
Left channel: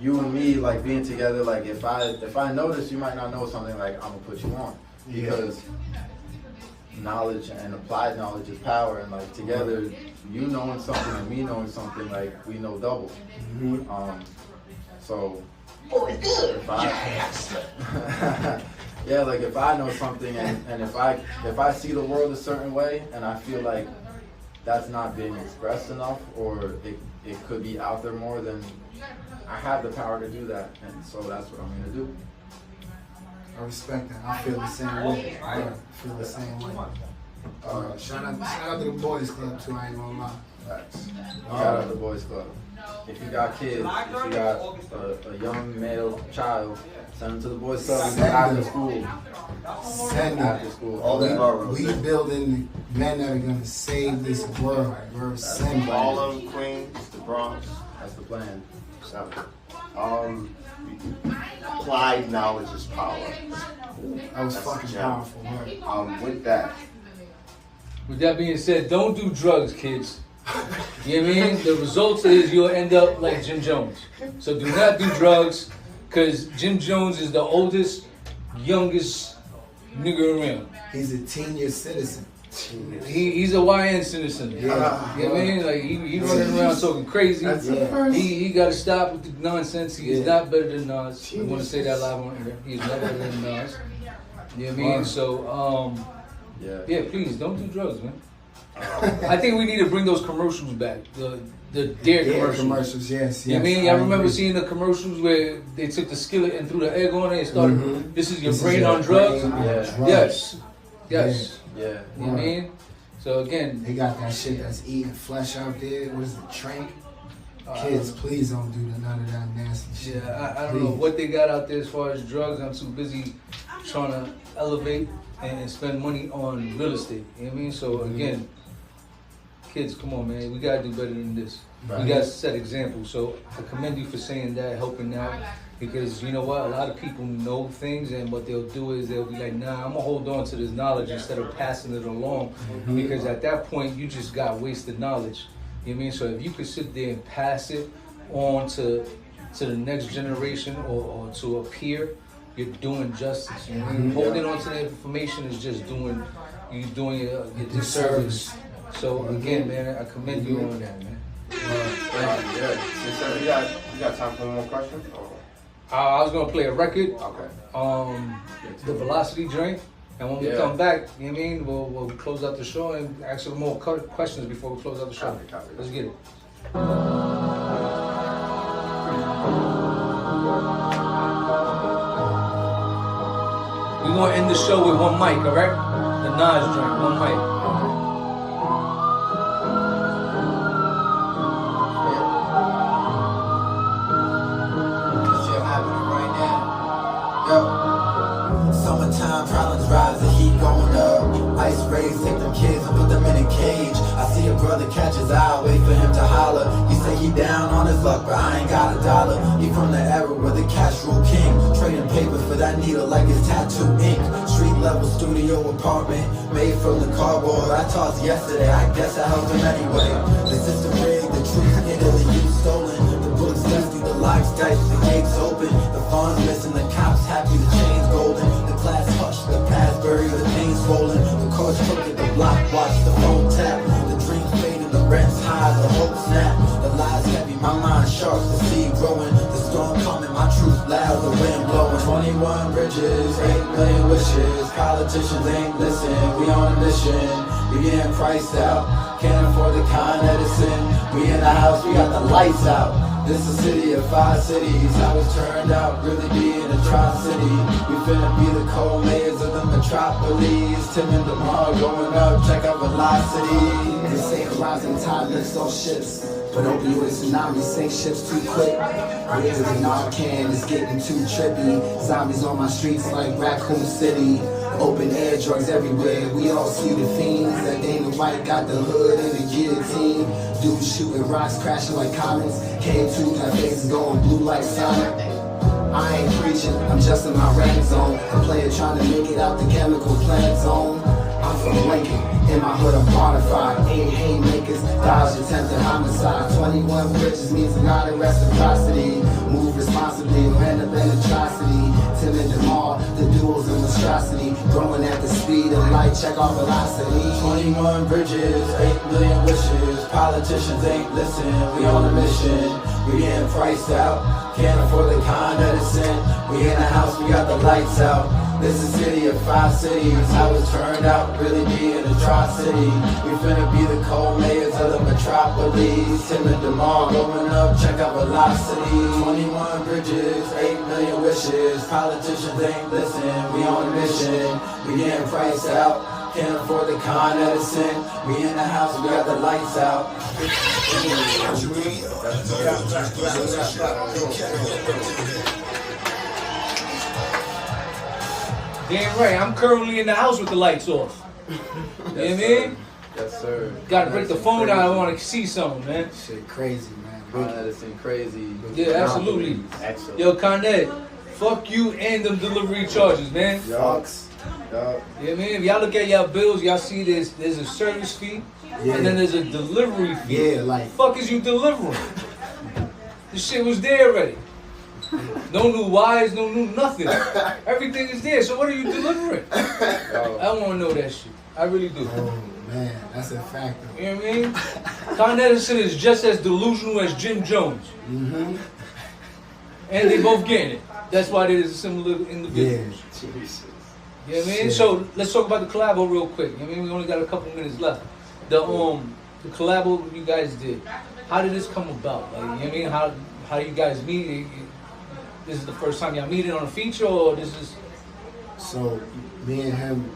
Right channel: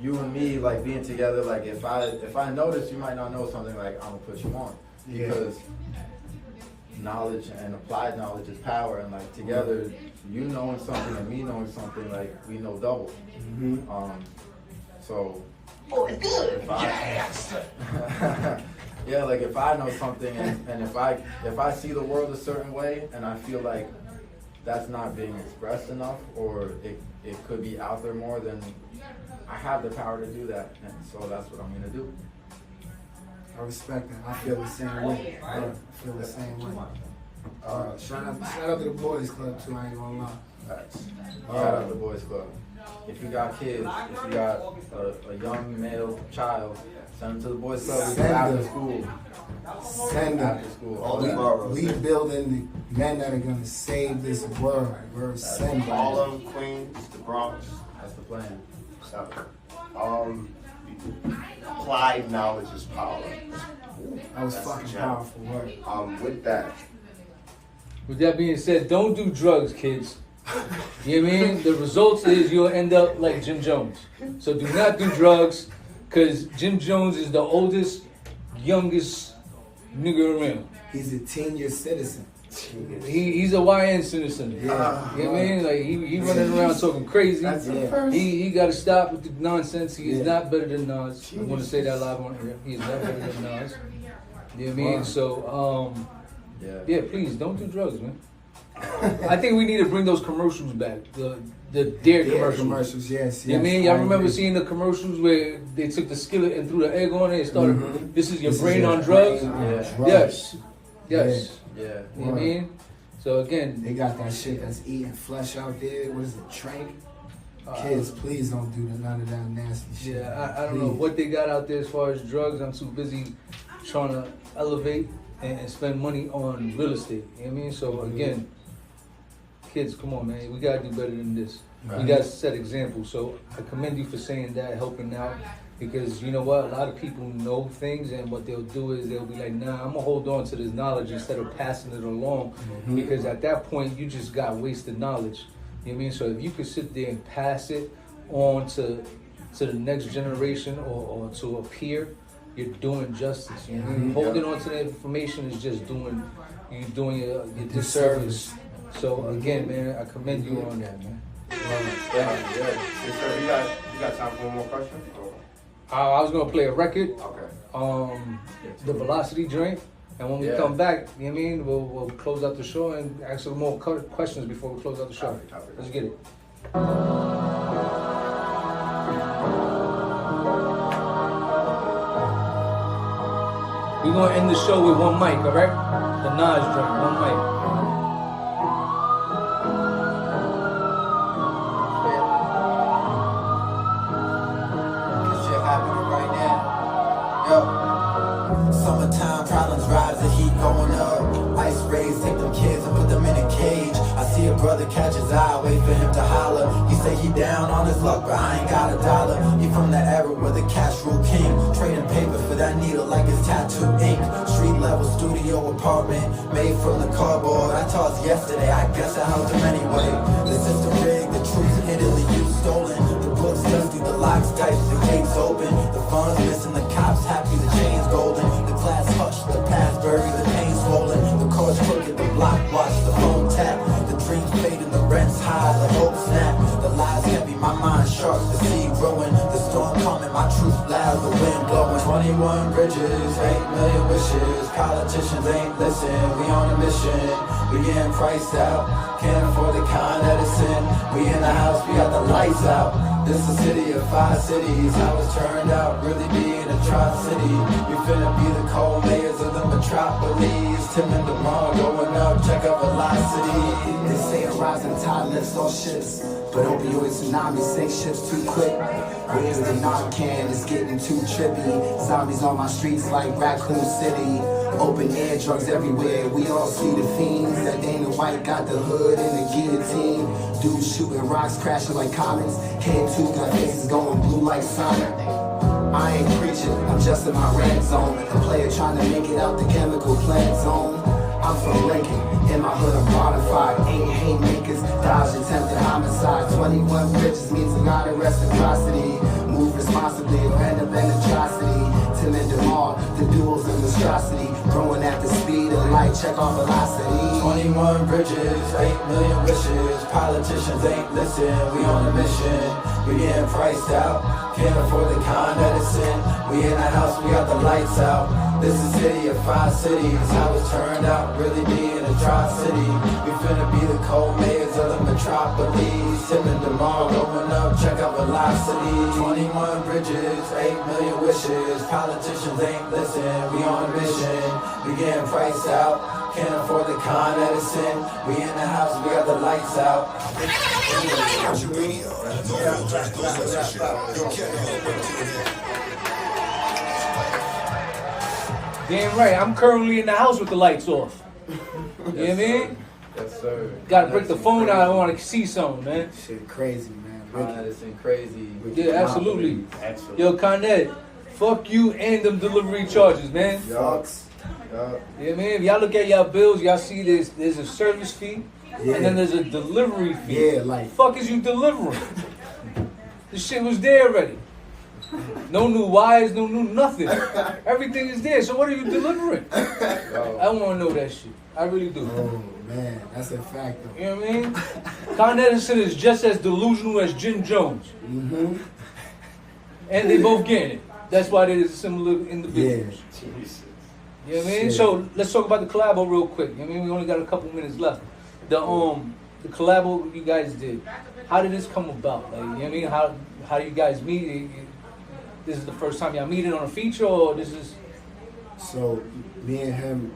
You and me, like being together, like if I notice you might not know something, like I'm gonna put you on, because knowledge and applied knowledge is power, and like together, you knowing something and me knowing something, like we know double. So if yeah, like if I know something and if I see the world a certain way and I feel like that's not being expressed enough, or it could be out there more, then I have the power to do that, and so that's what I'm gonna do. I respect that. I feel the same way. I feel the same way. Shout out to the boys club too. I ain't gonna lie. Shout out to the boys club. If you got kids, if you got a young male child, send them to the boys club after school. Send them. After school. All the boroughs. We building men that are gonna save this world. We're sending Harlem, Queens, the Bronx. That's the plan. applied knowledge is power. That was That's fucking the gem. powerful, man. With that, With that being said, don't do drugs, kids. You know what I mean? The results is you'll end up like Jim Jones. So do not do drugs, because Jim Jones is the oldest, youngest nigga around. He's a 10-year citizen. He's a YN citizen. You know what I mean? Like he running around talking crazy. That's the first. He got to stop with the nonsense. He is not better than Nas. I'm gonna say that live on air. He is not better than Nas. You know what I mean? So yeah, please don't do drugs, man. I think we need to bring those commercials back. The Dare commercials. Yes. You know what I mean? I remember seeing the commercials where they took the skillet and threw the egg on it and started, this is your brain on drugs. Yes. Yeah. You know what I mean? So again, they got that shit that's eating flesh out there. What is it, trank? Kids, please don't do none of that nasty shit. Yeah, I don't know what they got out there as far as drugs. I'm too busy trying to elevate and spend money on real estate. You know what I mean? So again, kids, come on, man. We gotta do better than this. We gotta set examples. So I commend you for saying that, helping out. Because you know what, a lot of people know things, and what they'll do is they'll be like, nah, I'm gonna hold on to this knowledge instead of passing it along. Because at that point, you just got wasted knowledge. You know what I mean? So if you could sit there and pass it on to the next generation or to a peer, you're doing justice. You know what I mean? Holding on to the information is just doing your disservice. So again, man, I commend you on that, man. So you got time for one more question? I was gonna play a record. Okay. The Velocity Drink. And when we come back, you know what I mean, we'll close out the show and ask some more questions before we close out the show. Copy. Let's get it. We're gonna end the show with one mic, all right? The Nas joint, one mic. Summertime problems rise, the heat going up. Ice rays, take them kids and put them in a cage. I see a brother catch his eye, wait for him to holler. He say he down on his luck, but I ain't got a dollar. He from the era where the cash rule king, trading paper for that needle like it's tattoo ink. Street level studio apartment, made from the cardboard I tossed yesterday. I guess I helped him anyway. The system rigged, the truth Italy you stolen. The books empty, the locks tight, the gates open. The funds missing, the cops happy, the chains golden. The class hushed, the past buried, the pain swollen. The courts crooked, the block watch, the room tap. The dreams faded, the rents high, the hope snap. The lies heavy, my mind sharp, the seed growing. The storm coming, my truth loud, the wind blowing. 21 bridges, 8 million wishes. Politicians ain't listening, we on a mission. We getting priced out, can't afford the Con Edison. We in the house, we got the lights out. This is a city of 5 cities. How it's turned out, really be in a Tri-City. We finna be the co-mayors of the metropolis. Tim and Damar going up, check out velocity. They say a rising tide lifts all ships, but opioid tsunami sink ships too quick. Whenever the Narcan is getting too trippy. Zombies on my streets like Raccoon City. Open air drugs everywhere, we all see the fiends. That Dana White got the hood and the guillotine. Dudes shooting rocks, crashing like comets. K2, my faces going blue like Sonic. I ain't preaching, I'm just in my rant zone. A player trying to make it out the chemical plant zone. I'm from Lincoln, in my hood I'm bonafide. 8 haymakers, dodge attempted homicide. 21 bridges means a lot of reciprocity. Move responsibly, or end up in atrocity. Tim and Damar, the duels of monstrosity. Growing at the speed of light, check our velocity. 21 bridges, 8 million wishes. Politicians ain't listening, we on a mission. We getting priced out, can't afford the Con Edison. We in the house, we got the lights out. This is a city of 5 cities. How it's turned out, really be in a Tri-City. We finna be the co-mayors of the metropolis. Tim and Damar going up, check out velocity. 21 bridges, 8 million wishes. Politicians ain't listening, we on a mission. We getting priced out, can't afford the Con Edison. We in the house, we got the lights out. Damn right, I'm currently in the house with the lights off. You know what I mean? Yes, sir. Gotta break the phone out, I wanna see something, man. Shit crazy, man. medicine, crazy. Yeah, absolutely. Excellent. Yo, Kanye, fuck you and them delivery charges, man. Yucks. Yeah, man. If y'all look at y'all bills, y'all see there's a service fee, Yeah. and then there's a delivery fee. Yeah, like Fuck is you delivering? This shit was there already. No new wires, no new nothing. Everything is there. So what are you delivering? I want to know that shit. I really do. oh man, that's a fact though. You know what I mean? Con Edison is just as delusional as Jim Jones, Mm-hmm. and they both getting it. That's why they're similar Yeah. individuals. Jesus. You know what I mean? Shit. So let's talk about the collabo real quick. You know what I mean? We only got a couple minutes left. The collabo you guys did. How did this come about? Like, you know what I mean? How you guys meet? This is the first time y'all meeting on a feature, or this is So me and him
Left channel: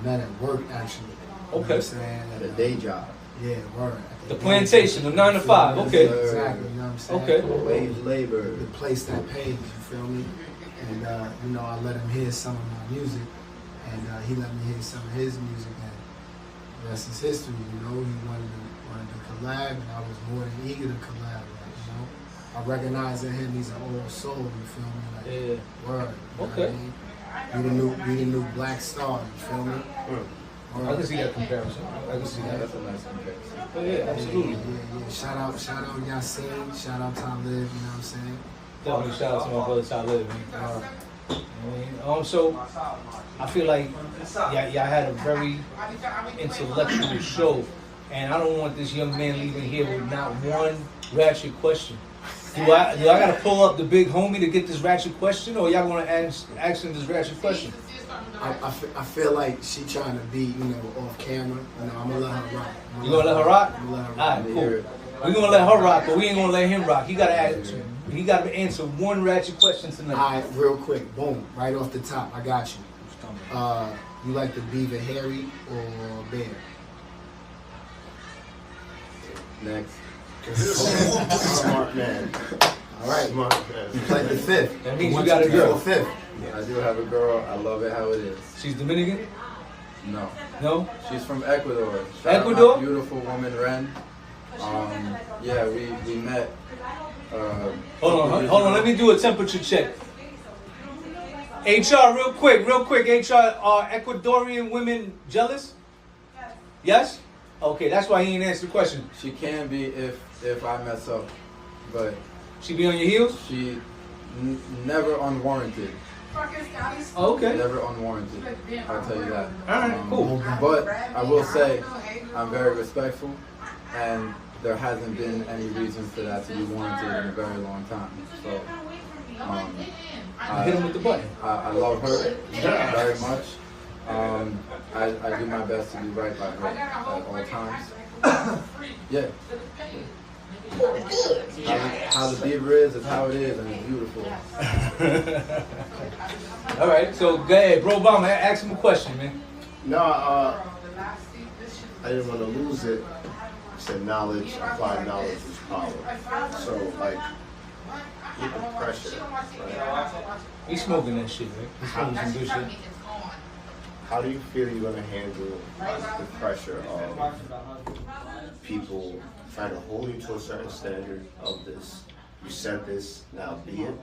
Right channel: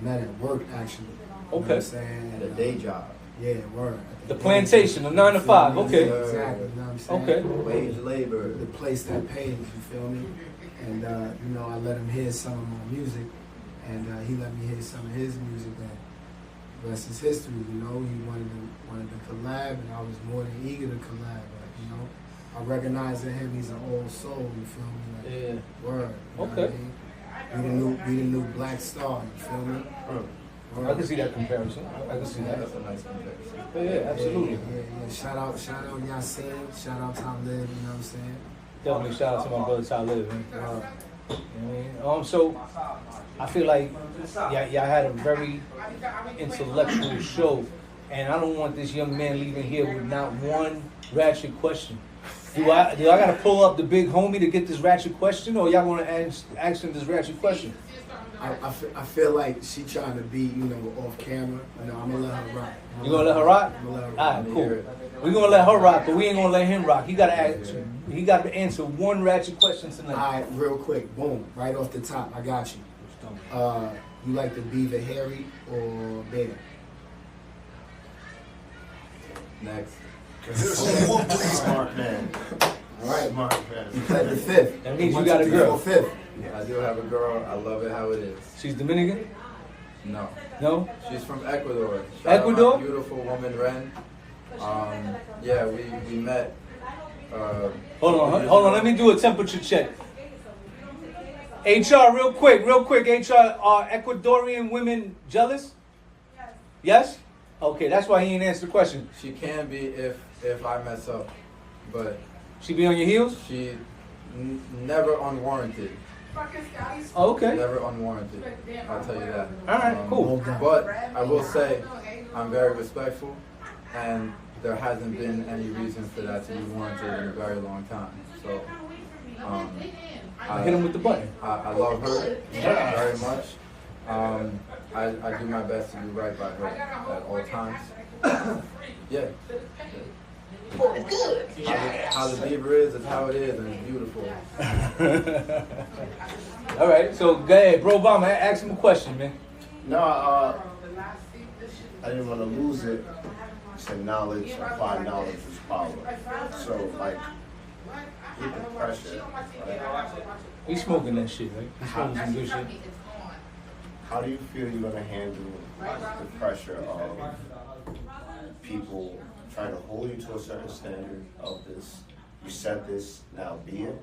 met at work actually. You know Okay. what I'm saying? The day job. Yeah, word. the plantation, the 9 to 5? Okay. Exactly. You know what I'm saying? Okay. Wage labor. The place that pays. You feel me? And you know, I let him hear some of my music, and he let me hear some of his music. And the rest is history. You know, he wanted to collab, and I was more than eager to collab. Like, you know, I recognize in him he's an old soul. You feel me? Like, Yeah. word. You know Okay. what I mean? We the new Black Star. You feel me? I can see that comparison. I can see that. That's a nice comparison. Yeah, absolutely. Yeah. Shout out Yasin. Shout out Tom Live. You know what I'm saying? Definitely shout out to my brother Talib, man. You know what I mean? So I feel like y'all had a very intellectual show, and I don't want this young man leaving here with not one ratchet question. Do I gotta pull up the big homie to get this ratchet question, or y'all wanna ask him this ratchet question? I feel like she trying to be, you know, off camera. You know, I'm gonna let her rock. You gonna let her rock? I'm gonna let her rock. Alright, cool. We're gonna let her rock, but we ain't gonna let him rock. He gotta answer one ratchet question tonight. All right, real quick, boom, right off the top, I got you. You like the beaver hairy or bear? Next. Smart man. All right, Smart man. you played the fifth. That means you 1, got a 2, 3, 4, girl. fifth. I do have a girl. I love it how it is. She's Dominican? No. No? She's from Ecuador. Shout out Ecuador? my beautiful woman, Ren. Yeah, we met. Hold on. Let me do a temperature check. HR, real quick. HR, are Ecuadorian women jealous? Yes? Okay, that's why he ain't answered the question. She can be if I mess up, but She be on your heels? she never unwarranted. Oh, okay. Never unwarranted. I'll tell you that. Alright, cool. But I will say, I'm very respectful, and there hasn't been any reason for that to be warranted in a very long time. So, Hit him with the button. I love her very much. I do my best to do right by her at all times. Yeah. How the beaver is how it is, and it's beautiful. All right, so go ahead, bro. Obama, ask him a question, man. No, I didn't want to lose it. You said knowledge, applied knowledge is power. So, like, with the pressure, right? He's smoking that shit, right? He's smoking some good shit. How do you feel you're going to handle the pressure of people trying to hold you to a certain standard of this? You said this, now be it,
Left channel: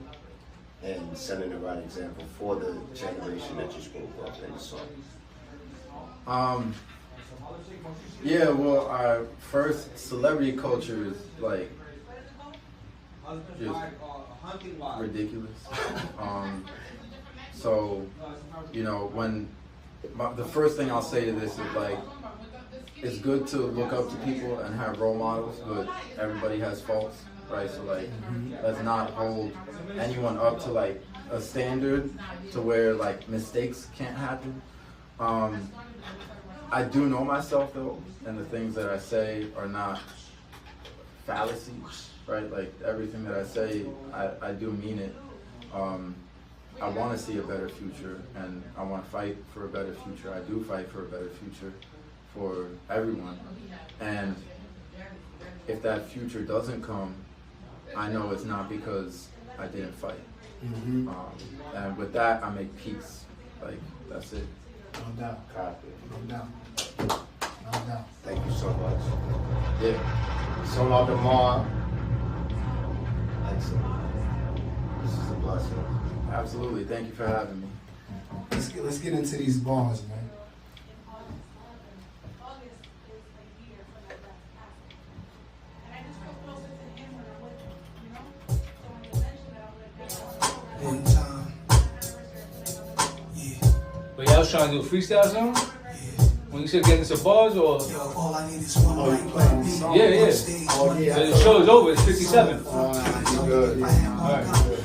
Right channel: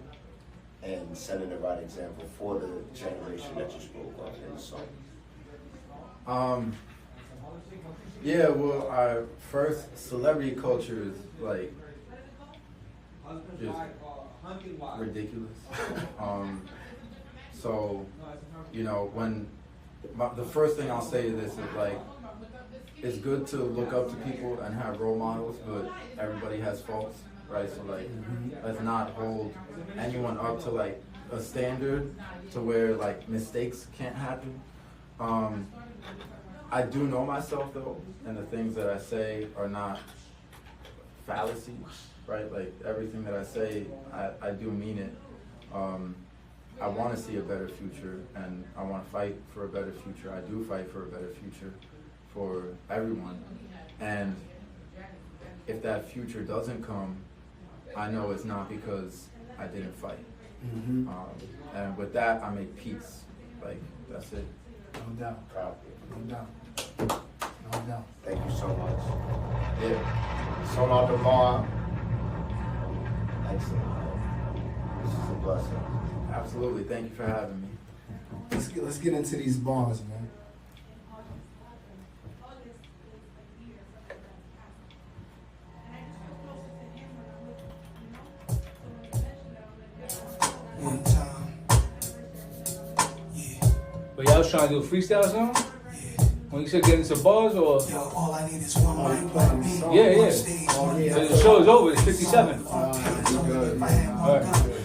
and setting the right example for the generation that you spoke of in the song. Yeah, well, our first celebrity culture is like just ridiculous. So, you know, when the first thing I'll say to this is like, it's good to look up to people and have role models, but everybody has faults, right? So like, let's not hold anyone up to like a standard to where like mistakes can't happen. I do know myself though, and the things that I say are not fallacies, right? Like everything that I say, I do mean it. I want to see a better future, and I want to fight for a better future. I do fight for a better future for everyone. And if that future doesn't come, I know it's not because I didn't fight. And with that, I make peace. Like, that's it. No doubt. Copy. No doubt. No doubt. Thank you so much. Yeah. Sonar Damar, This is a blessing. Absolutely. Thank you for having me. Let's get into these bars, man. One time. Yeah. But y'all was trying to do a freestyle or something? When you said get into bars or? Yo, all I need is one Oh, you mic, playing one the beat. song? Yeah, yeah. Oh, yeah. So the show is over, it's 57. Good. I had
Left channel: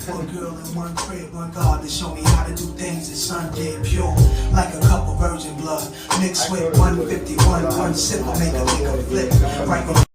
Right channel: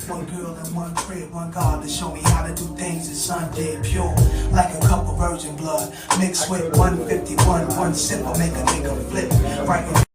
one girl in one crib, one God to show me how to do things that Sunday pure, like a cup of virgin blood mixed with 151, one sip, I make a flip. Right